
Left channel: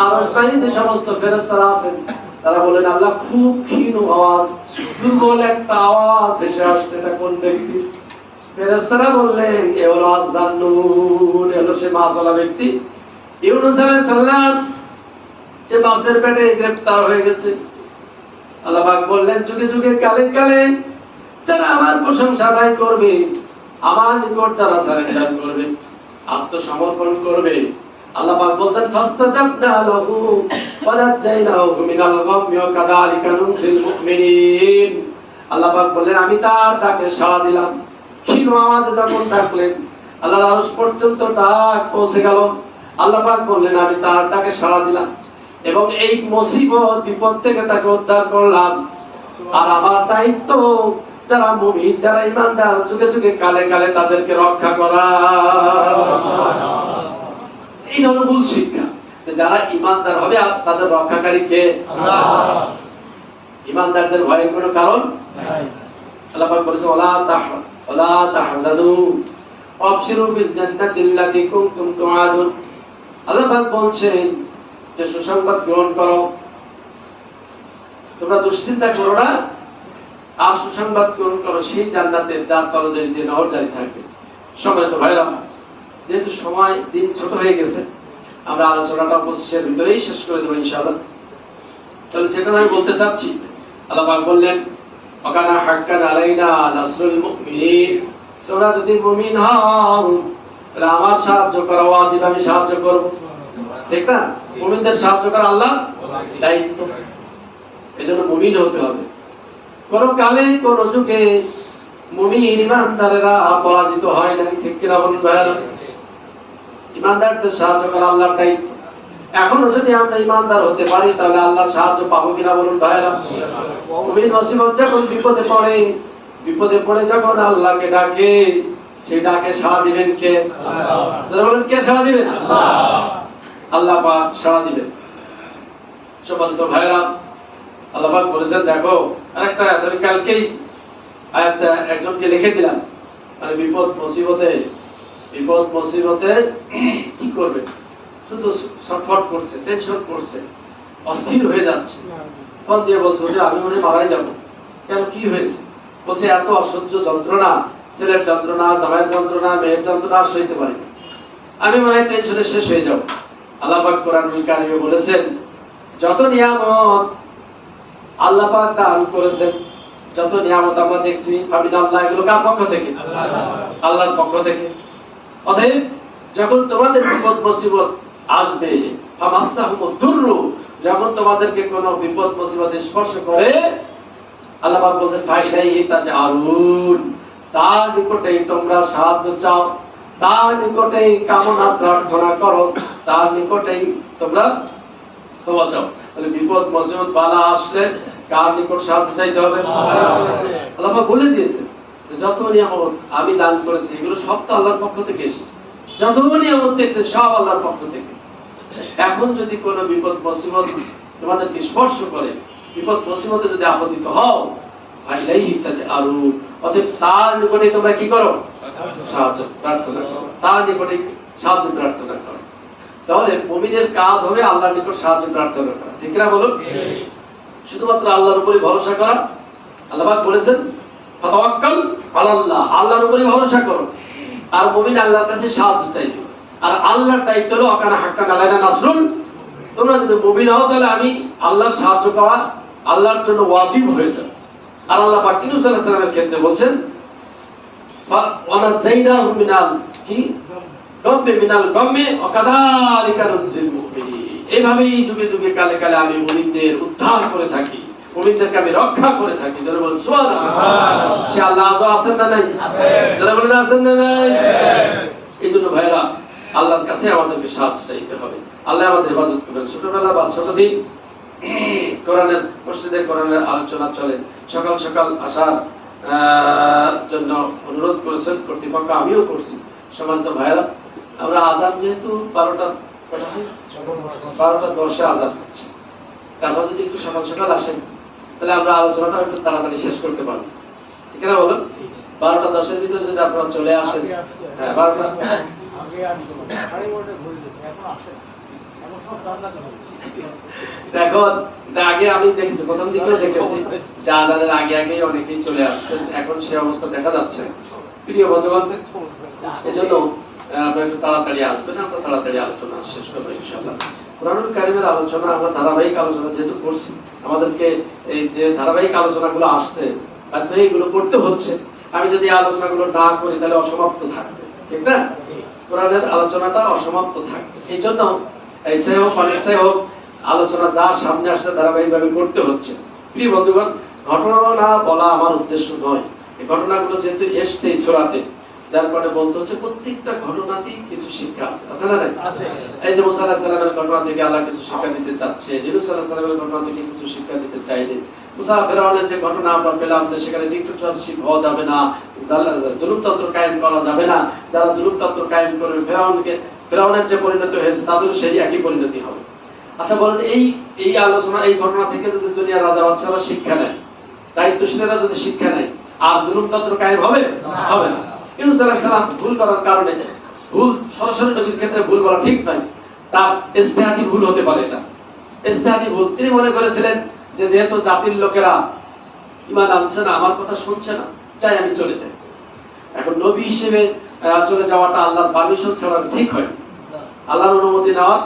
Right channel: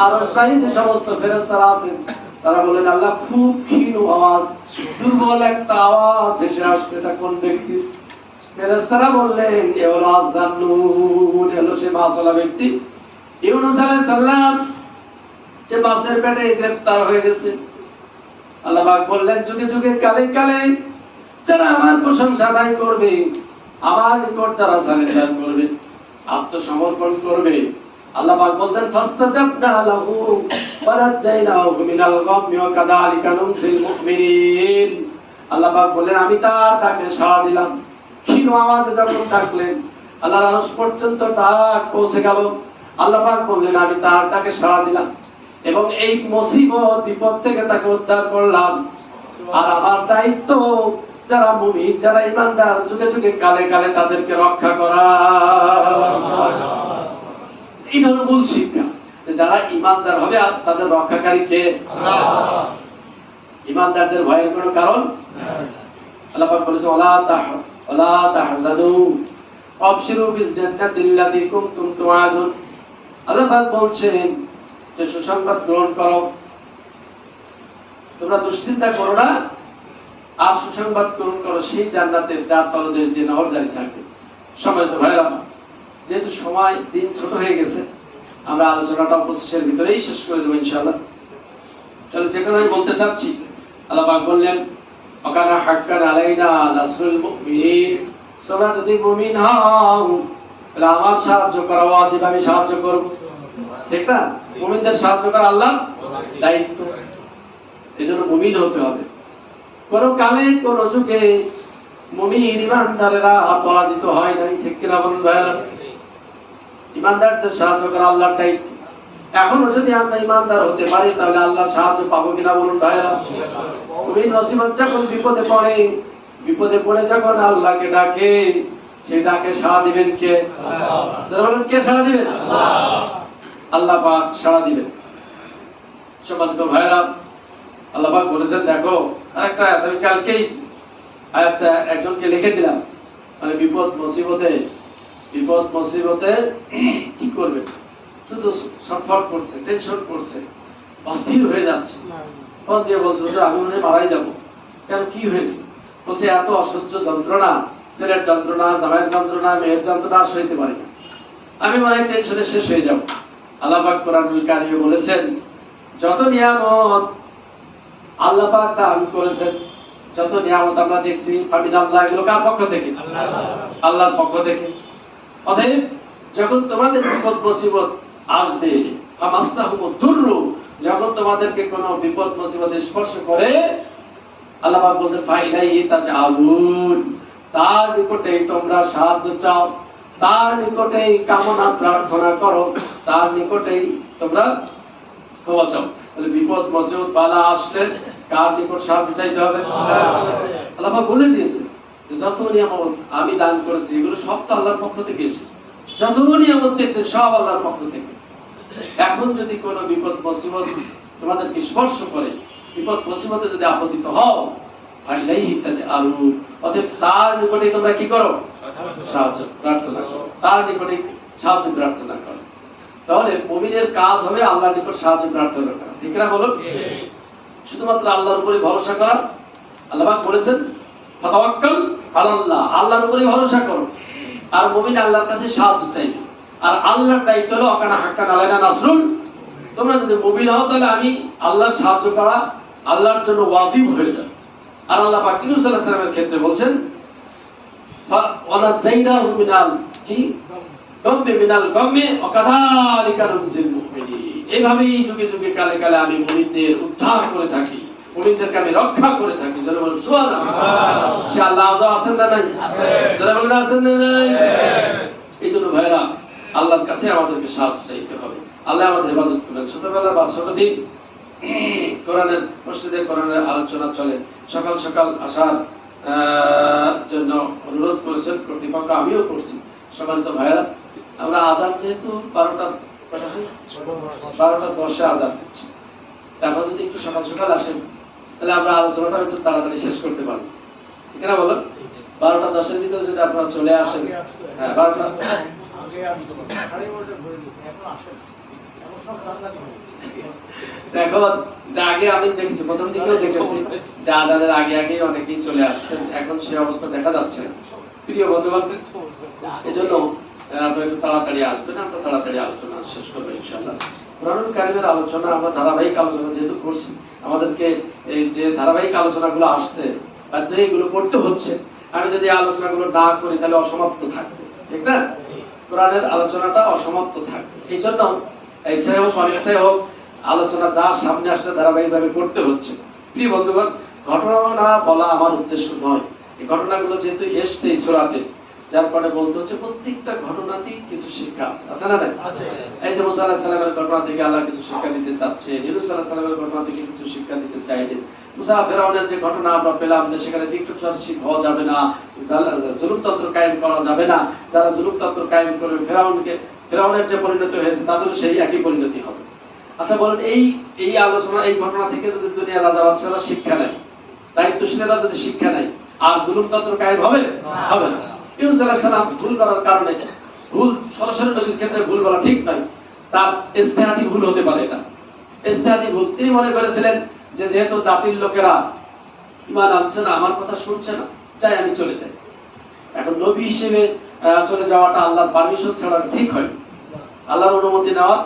আরশ বাহিনী যে সমস্ত ফেরেশতারা আছেন তারা বলেন, আল্লাহ খুব ক্ষীণ আওয়াজ, দুর্বল একটা আওয়াজ ভেসে আসছে, এটা কোন ব্যক্তি? ফেরেশতারা বললেন এ হলো আয-যান্নুন, হলো সে মাছওয়ালা ব্যক্তি ইউনূস আলাইহিস সালাম, যে মাছের পেটে গ্রেফতার হয়ে গেছে। আল্লাহ পাক বললেন, যুগে যুগে কালে কালে যারা আমার প্রশংসা আদায় করবে, আমার নিকট যারা সারেন্ডার করবে, আত্মসমর্পণ করবে, আল্লাহ পাক বলছেন ফাস্তাজাবনা লাহু ওয়া নাজাইনাহু মিনাল গাম্মি ওয়া কাযালিকা নুনজিল মুমিনিন। আল্লাহ পাক বলেন আমি তার ডাকে সাড়া দিলাম। ক্ষীণ আওয়াজে যখন ডাকলেন, আল্লাহর আরশ পর্যন্ত ডাক পৌঁছে গেল। আল্লাহ পাক বললেন আমি তার ডাকে সাড়া দিলাম এবং এই মুসিবত বিপদ থেকে তাকে উদ্ধার করলাম। আর আমার দায়িত্ব যারা মুমিন, যারা ঈমানদার, যুগে যুগে কালে কালে তাদেরকে রক্ষা করা। এই হলো মূল শিক্ষা, যারা ঈমানদার হবে আর তাদের রক্ষাকারী কে? আল্লাহ। ঈমানদারদের ভয়ের কোনো কারণ নাই। আল্লাহ পাক বলেছে ওয়ালা তাহজানু ওয়াবশিরু বিল জান্নাতিল্লাতী কুনতুম তুআদুন। আল্লাহ পাক বলছেন যে সুসংবাদ গ্রহণ করো, তোমরা দুশ্চিন্তা করো না, আর সুসংবাদ গ্রহণ করো সেই জান্নাতের যার তলদেশ দিয়ে নহর জারি থাকবে। সম্মানিত ভাইরা, যেহেতু সময় দিন ছোট হয়ে গেছে, আমরা আলোচনাটা 25-এর ভিতরেই শেষ করে দেবো ইনশাআল্লাহ। তাহলে যে কথা আমি বলতে চাচ্ছি, আল্লাহ পাক বললেন ওয়াকানা হাক্কান আলাইনা নাসরুল মুমিনিন, তোমরা যদি মুমিন হও তাহলে আমার সাহায্য করা ওয়াজিব, আমি সাহায্য করব। ঠিক না? মুমিনদের সাহায্য করা আল্লাহর দায়িত্ব, এজন্য মুমিন হতে হবে। কোন কালে কোন যুগে মুমিন ঈমানদারেরা পরাজিত হয় নাই, ঠিক কিনা বলুন ভাইরা? ঈমানদারদের সাহায্য করা আল্লাহর দায়িত্ব। এখনো যদি আমরা ঈমানদার হতে পারি তাহলে আল্লাহর সাহায্য পাবো কিনা বলুন ভাইরা? মুমিন মুসিবত যখন বিপদে পড়ে যখন আল্লাহকে ডাকে, সেই ডাকে সাড়া দিবেন কে? আল্লাহ। যারা বলেন কে সাড়া দিবেন? আল্লাহ। আল্লাহ পাক সাড়া দিবেন। সম্মানিত ভাইরা, আল্লাহ পাক বলেছেন, দেখো আরেকটা আয়াত আমি কালকেই আয়াতটা একজনকে লিখে দিলাম, মানে বিপদ মুসিবতে কি করবে, শুধু ছটফট করছে, টেনশন করছে, অস্থির হয়ে যাচ্ছে, ফোন দিয়ে বলছে যে আমি মনে মারাই যাব। কেন, কি হয়েছে? বলছে এত অসহ্য যন্ত্রণা, ছেলের যন্ত্রণা, জামাইয়ের যন্ত্রণা, মেয়ের যন্ত্রণা সইতে পারি না, আমি মনে হয় টেনশনে শেষ হয়ে যাব। আল্লাহ পাক কোরআনুল কারীমে বলেছেন, যত নিয়ামত আল্লাহ পাক দান করেছেন, যত নিয়ামত আমরা দেখছি, ফামিনাল্লাহ, এগুলো কার পক্ষ থেকে? আল্লাহর পক্ষ থেকে। অতএব যখন তোমাদের বিপদ মুসিবত আসবে, ফামাসসাহুমুদ দুররু, যখন তোমাদেরকে কোনো বিপদ মুসিবত স্পর্শ করে, আল্লাহ পাক বলেন ফাইলাইহি তাজআলুন, তার নিকটেই তোমরা সাহায্য চাও, তার নিকটেই কামনা প্রার্থনা করো, তার নিকটেই তোমরা ক্ষমা চাও। তাহলে বিপদ মুসিবত বালা আসলে কার নিকট সাহায্য চাইতে হবে? আল্লাহ পাক বলে দিয়েছেন যে যত নিয়ামত আমি দান করেছি এগুলো সব তো আল্লাহর পক্ষ থেকে এসেছে। যত নিয়ামত দেখছেন সব আল্লাহর পক্ষ থেকে। এখন যদি কোনো বিপদ মুসিবত তোমাদেরকে স্পর্শ করে, বিপদ মুসিবতে যদি আপতিত হও, ফাইলাইহি তাজআলুন, অতএব তার নিকটে তোমরা কি করো? সাহায্য প্রার্থনা করো, তার নিকটে সাহায্য প্রার্থনা করো। তাহলে মুমিনের কাজ হবে আল্লাহর নিকট সাহায্য প্রার্থনা করা, ঠিক না বলুন? শুধুমাত্র আল্লাহর উপরে ভরসা করা। আল্লাহ পাক বলেছেন ফাতাওয়াক্কাল আলাল্লাহ, আল্লাহর উপরে ভরসা করো। আর মুমিন আল্লাহর কাছে সাহায্য চাইবে। আর আল্লাহর দায়িত্ব হলো আকানা হাক্কান আলাইনা নাসরুল, তোমরা যদি মুমিন হও তাহলে আমি আল্লাহর সাহায্য করা আল্লাহর জন্য ওয়াজিব হয়ে যায়। আর আল্লাহ পাক ইউনূস আলাইহিস সালামের ক্ষেত্রে বলেন ওয়ানাযাইনাহু মিনাল কি গাম্মি মিনাল গাম্মি ওয়া কাযালিকা নুনজিল মুমিনিন। এইভাবেই যুগে যুগে কালে কালে আমি মুমিনদের উদ্ধার করে থাকি, মুমিনদেরকে আমি রক্ষা করে থাকি। যারা বলেন সুবহানাল্লাহ, সে আল্লাহ আজও আছেন না নাই? যারা বলেন আছেন না নাই? এইজন্য ভাইরা আল্লাহর কাছে আমাদেরকে সাহায্য চাইতে হবে। আল্লাহ আমাদের হেফাজত করবেন। ছোটবেলা বা ছোট দিন কোরআনের মসজিদে কোরআনের আলোচনা চলে, সকাল সকাল আসার জন্য অনুরোধ করেছেন কর্তৃপক্ষ, আমিও করছি। সম্মানিত ভাইরা, আমরা আজান যেহেতু 12:10 আজান হচ্ছে, তারপর যদি একটু সকাল সকাল আসেন তাহলে আমরা আলোচনাটা একটু তাড়াতাড়ি শেষ করতে পারবো, ঠিক না বলুন? 12:10 ভিতরে যদি আপনারা চলে আসেন, হ্যাঁ 12টা দেখো, আগে আমি দেখেছি, প্রথম দিকেও দেখেছি যে আজানের আগে আগে অনেকেই চলে আসতেন, এখন সেই অবস্থা দেখা যাচ্ছে। প্রিয় বন্ধুগণ, এজন্য আপনারা একটু তাড়াতাড়ি আসবেন, আমরা তাড়াতাড়ি আলোচনা শেষ করবো ইনশাআল্লাহ। কোরআনুল কারীমের আলোচনা আমরা ধারাবাহিক আলোচনা যেহেতু করছি, আমাদেরকে এই যে ধারাবাহিক আলোচনাগুলো আসছে এগুলো করতে হচ্ছে। আমি যদি আলোচনাগুলো না করি তাহলে অসমাপ্ত থাকবে, ঠিক না? কোরআনের আলোচনাটা অসমাপ্ত থাকবে। এই জন্য ইচ্ছাই হোক অনিচ্ছাই হোক আলোচনা যা সামনে আসছে ধারাবাহিকভাবে করতে হচ্ছে। প্রিয় বন্ধুগণ, ঘটনা বলা আমার উদ্দেশ্য নয়, এই ঘটনাগুলো যেহেতু এসছে এই সূরাতে, যার কারণে বলতে হচ্ছে প্রত্যেকটা ঘটনাতেই কিছু শিক্ষা আছে, আছে না নাই? এই যে মুসা আলাইহিস সালামের ঘটনা থেকে আল্লাহ কিছু শিক্ষা দিতে চাচ্ছে, ইউনূস আলাইহিস সালামের ঘটনা থেকে কিছু শিক্ষা দিতে চাইলেন। মুসা ফেরাউনের যে ঘটনা আমরা পেলাম যে সেখানে ডিক্টেটরশিপ হওয়া যাবে না, জুলুমতন্ত্র কায়েম করা যাবে না, যারা জুলুমতন্ত্র কায়েম করবে ফেরাউনের যে পরিণতি হয়েছে তাদের সেই একই পরিণতি হবে। আচ্ছা বলেন, এই আলোচনা এই ঘটনা থেকে যদি দুনিয়ার রাজা বাদশাহরা শিক্ষা নেয়, দায়িত্বশীলেরা যদি শিক্ষা নেয়, আর জুলুমতন্ত্র কায়েম হবে? হবে না। ইউনূস আলাইহিস সালাম ভুল করার কারণে, ভুল সরাসরি নবীর ক্ষেত্রে ভুল বলা ঠিক নয়, তার ইজতিহাদি ভুল হতে পারে। এটা ইজতিহাদি ভুল। তিনি মনে করেছিলেন যে যেহেতু জাতির লোকেরা ঈমান আনছে না, আমার কথা শুনছে না, চাই আমি চলে যাই। এখন নবী হিসেবে চলে যাওয়াটা আল্লাহর পারমিশন ছাড়া ঠিক হয়। আল্লাহর অনুমতি নেওয়া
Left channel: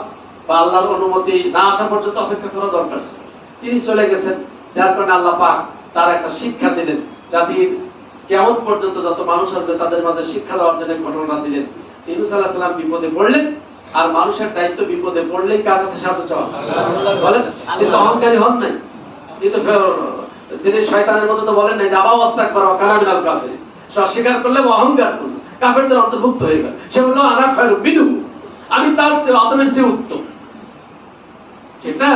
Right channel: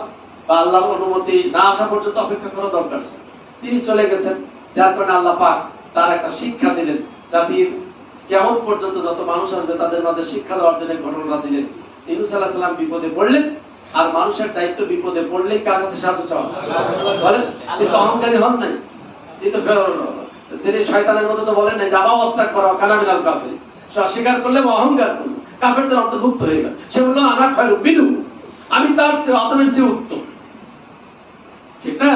বা আল্লাহর অনুমতি না আসা পর্যন্ত অপেক্ষা করা দরকার ছিল। তিনি চলে গেছেন, যার কারণে আল্লাহ পাক তার একটা শিক্ষা দিলেন। জাতির কিয়ামত পর্যন্ত যত মানুষ আসবে তাদের মাঝে শিক্ষা দেওয়ার জন্য ঘটনা দিলেন। ইউনূস আলাইহিস সালাম বিপদে পড়লেন, আর মানুষের দায়িত্ব বিপদে পড়লেই কার কাছে সাহায্য চাওয়া? বলেন, তিনি তো অহংকারী হন নাই, তিনি শয়তানের মতো তো বলেন নাই যে আবা ওয়াস্তাকবার ওয়া কানা মিনাল কাফিরিন, অস্বীকার করলে অহংকার করলো, কাফেরদের অন্তর্ভুক্ত হয়ে গেল। সে বলল আনা খায়রু মিনহু, আমি তার চেয়ে আদমের চেয়ে উত্তম, ঠিক না?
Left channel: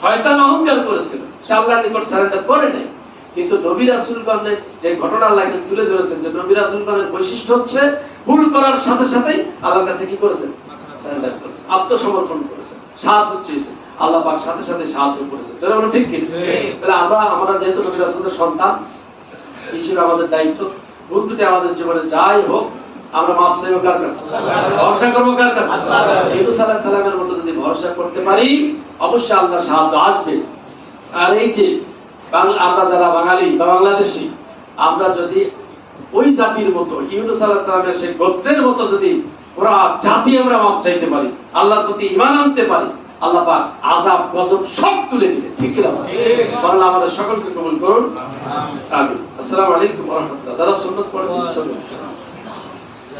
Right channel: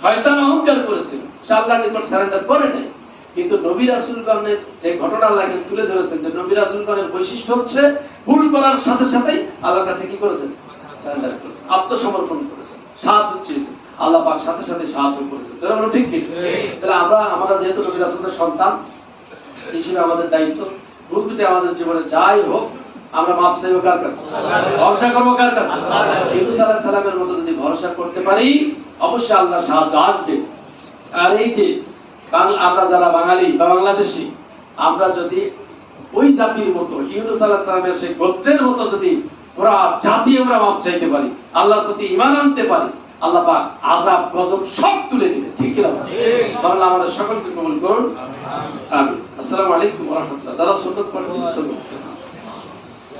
শয়তান অহংকার করেছিল, সে আল্লাহর নিকট সারেন্ডার করে নাই। কিন্তু নবী রাসূলগণের যে ঘটনা আল্লাহ তুলে ধরেছেন, যে নবী রাসূলগণের বৈশিষ্ট্য হচ্ছে ভুল করার সাথে সাথেই আল্লাহর কাছে কি করেছেন? সারেন্ডার করেছেন, আত্মসমর্পণ করেছেন, সাহায্য চেয়েছেন। আল্লাহ পাক সাথে সাথে সাহায্য করেছেন। তাহলে আমরা ঠিক কি? তাহলে আমরা যেহেতু নবী রাসূলের সন্তান হিসেবে আমাদের দায়িত্ব, ভুল ত্রুটি আমাদের জীবনে যাই হোক আমরা মাপ চাইবো কার কাছে? ভরসা করবো কার কাছে? ইউনূস আলাইহিস সালামের মতো যদি ভরসা করতে পারি অবশ্যই আল্লাহর সাহায্য আসবে। আর এই যে আমরা যারা বাঙালি বা বাংলাদেশী, আমরা যদি ওই জাতির মতো ইউনূস আলাইহিস সালামের সেই গোত্রের মতো যদি পুরা জাতি আমরা মাপ চাইতে পারি, আল্লাহর প্রতি ঈমান আনতে পারি, আল্লাহ পাক আযাব গজব সব তুলে দিবেন, ঠিক কি না? আল্লাহ আমাদের সকলকে কবুল করুন, আমিন। আসসালামু আলাইকুম ওয়া রাহমাতুল্লাহ। যারা সুন্নাত পড়েন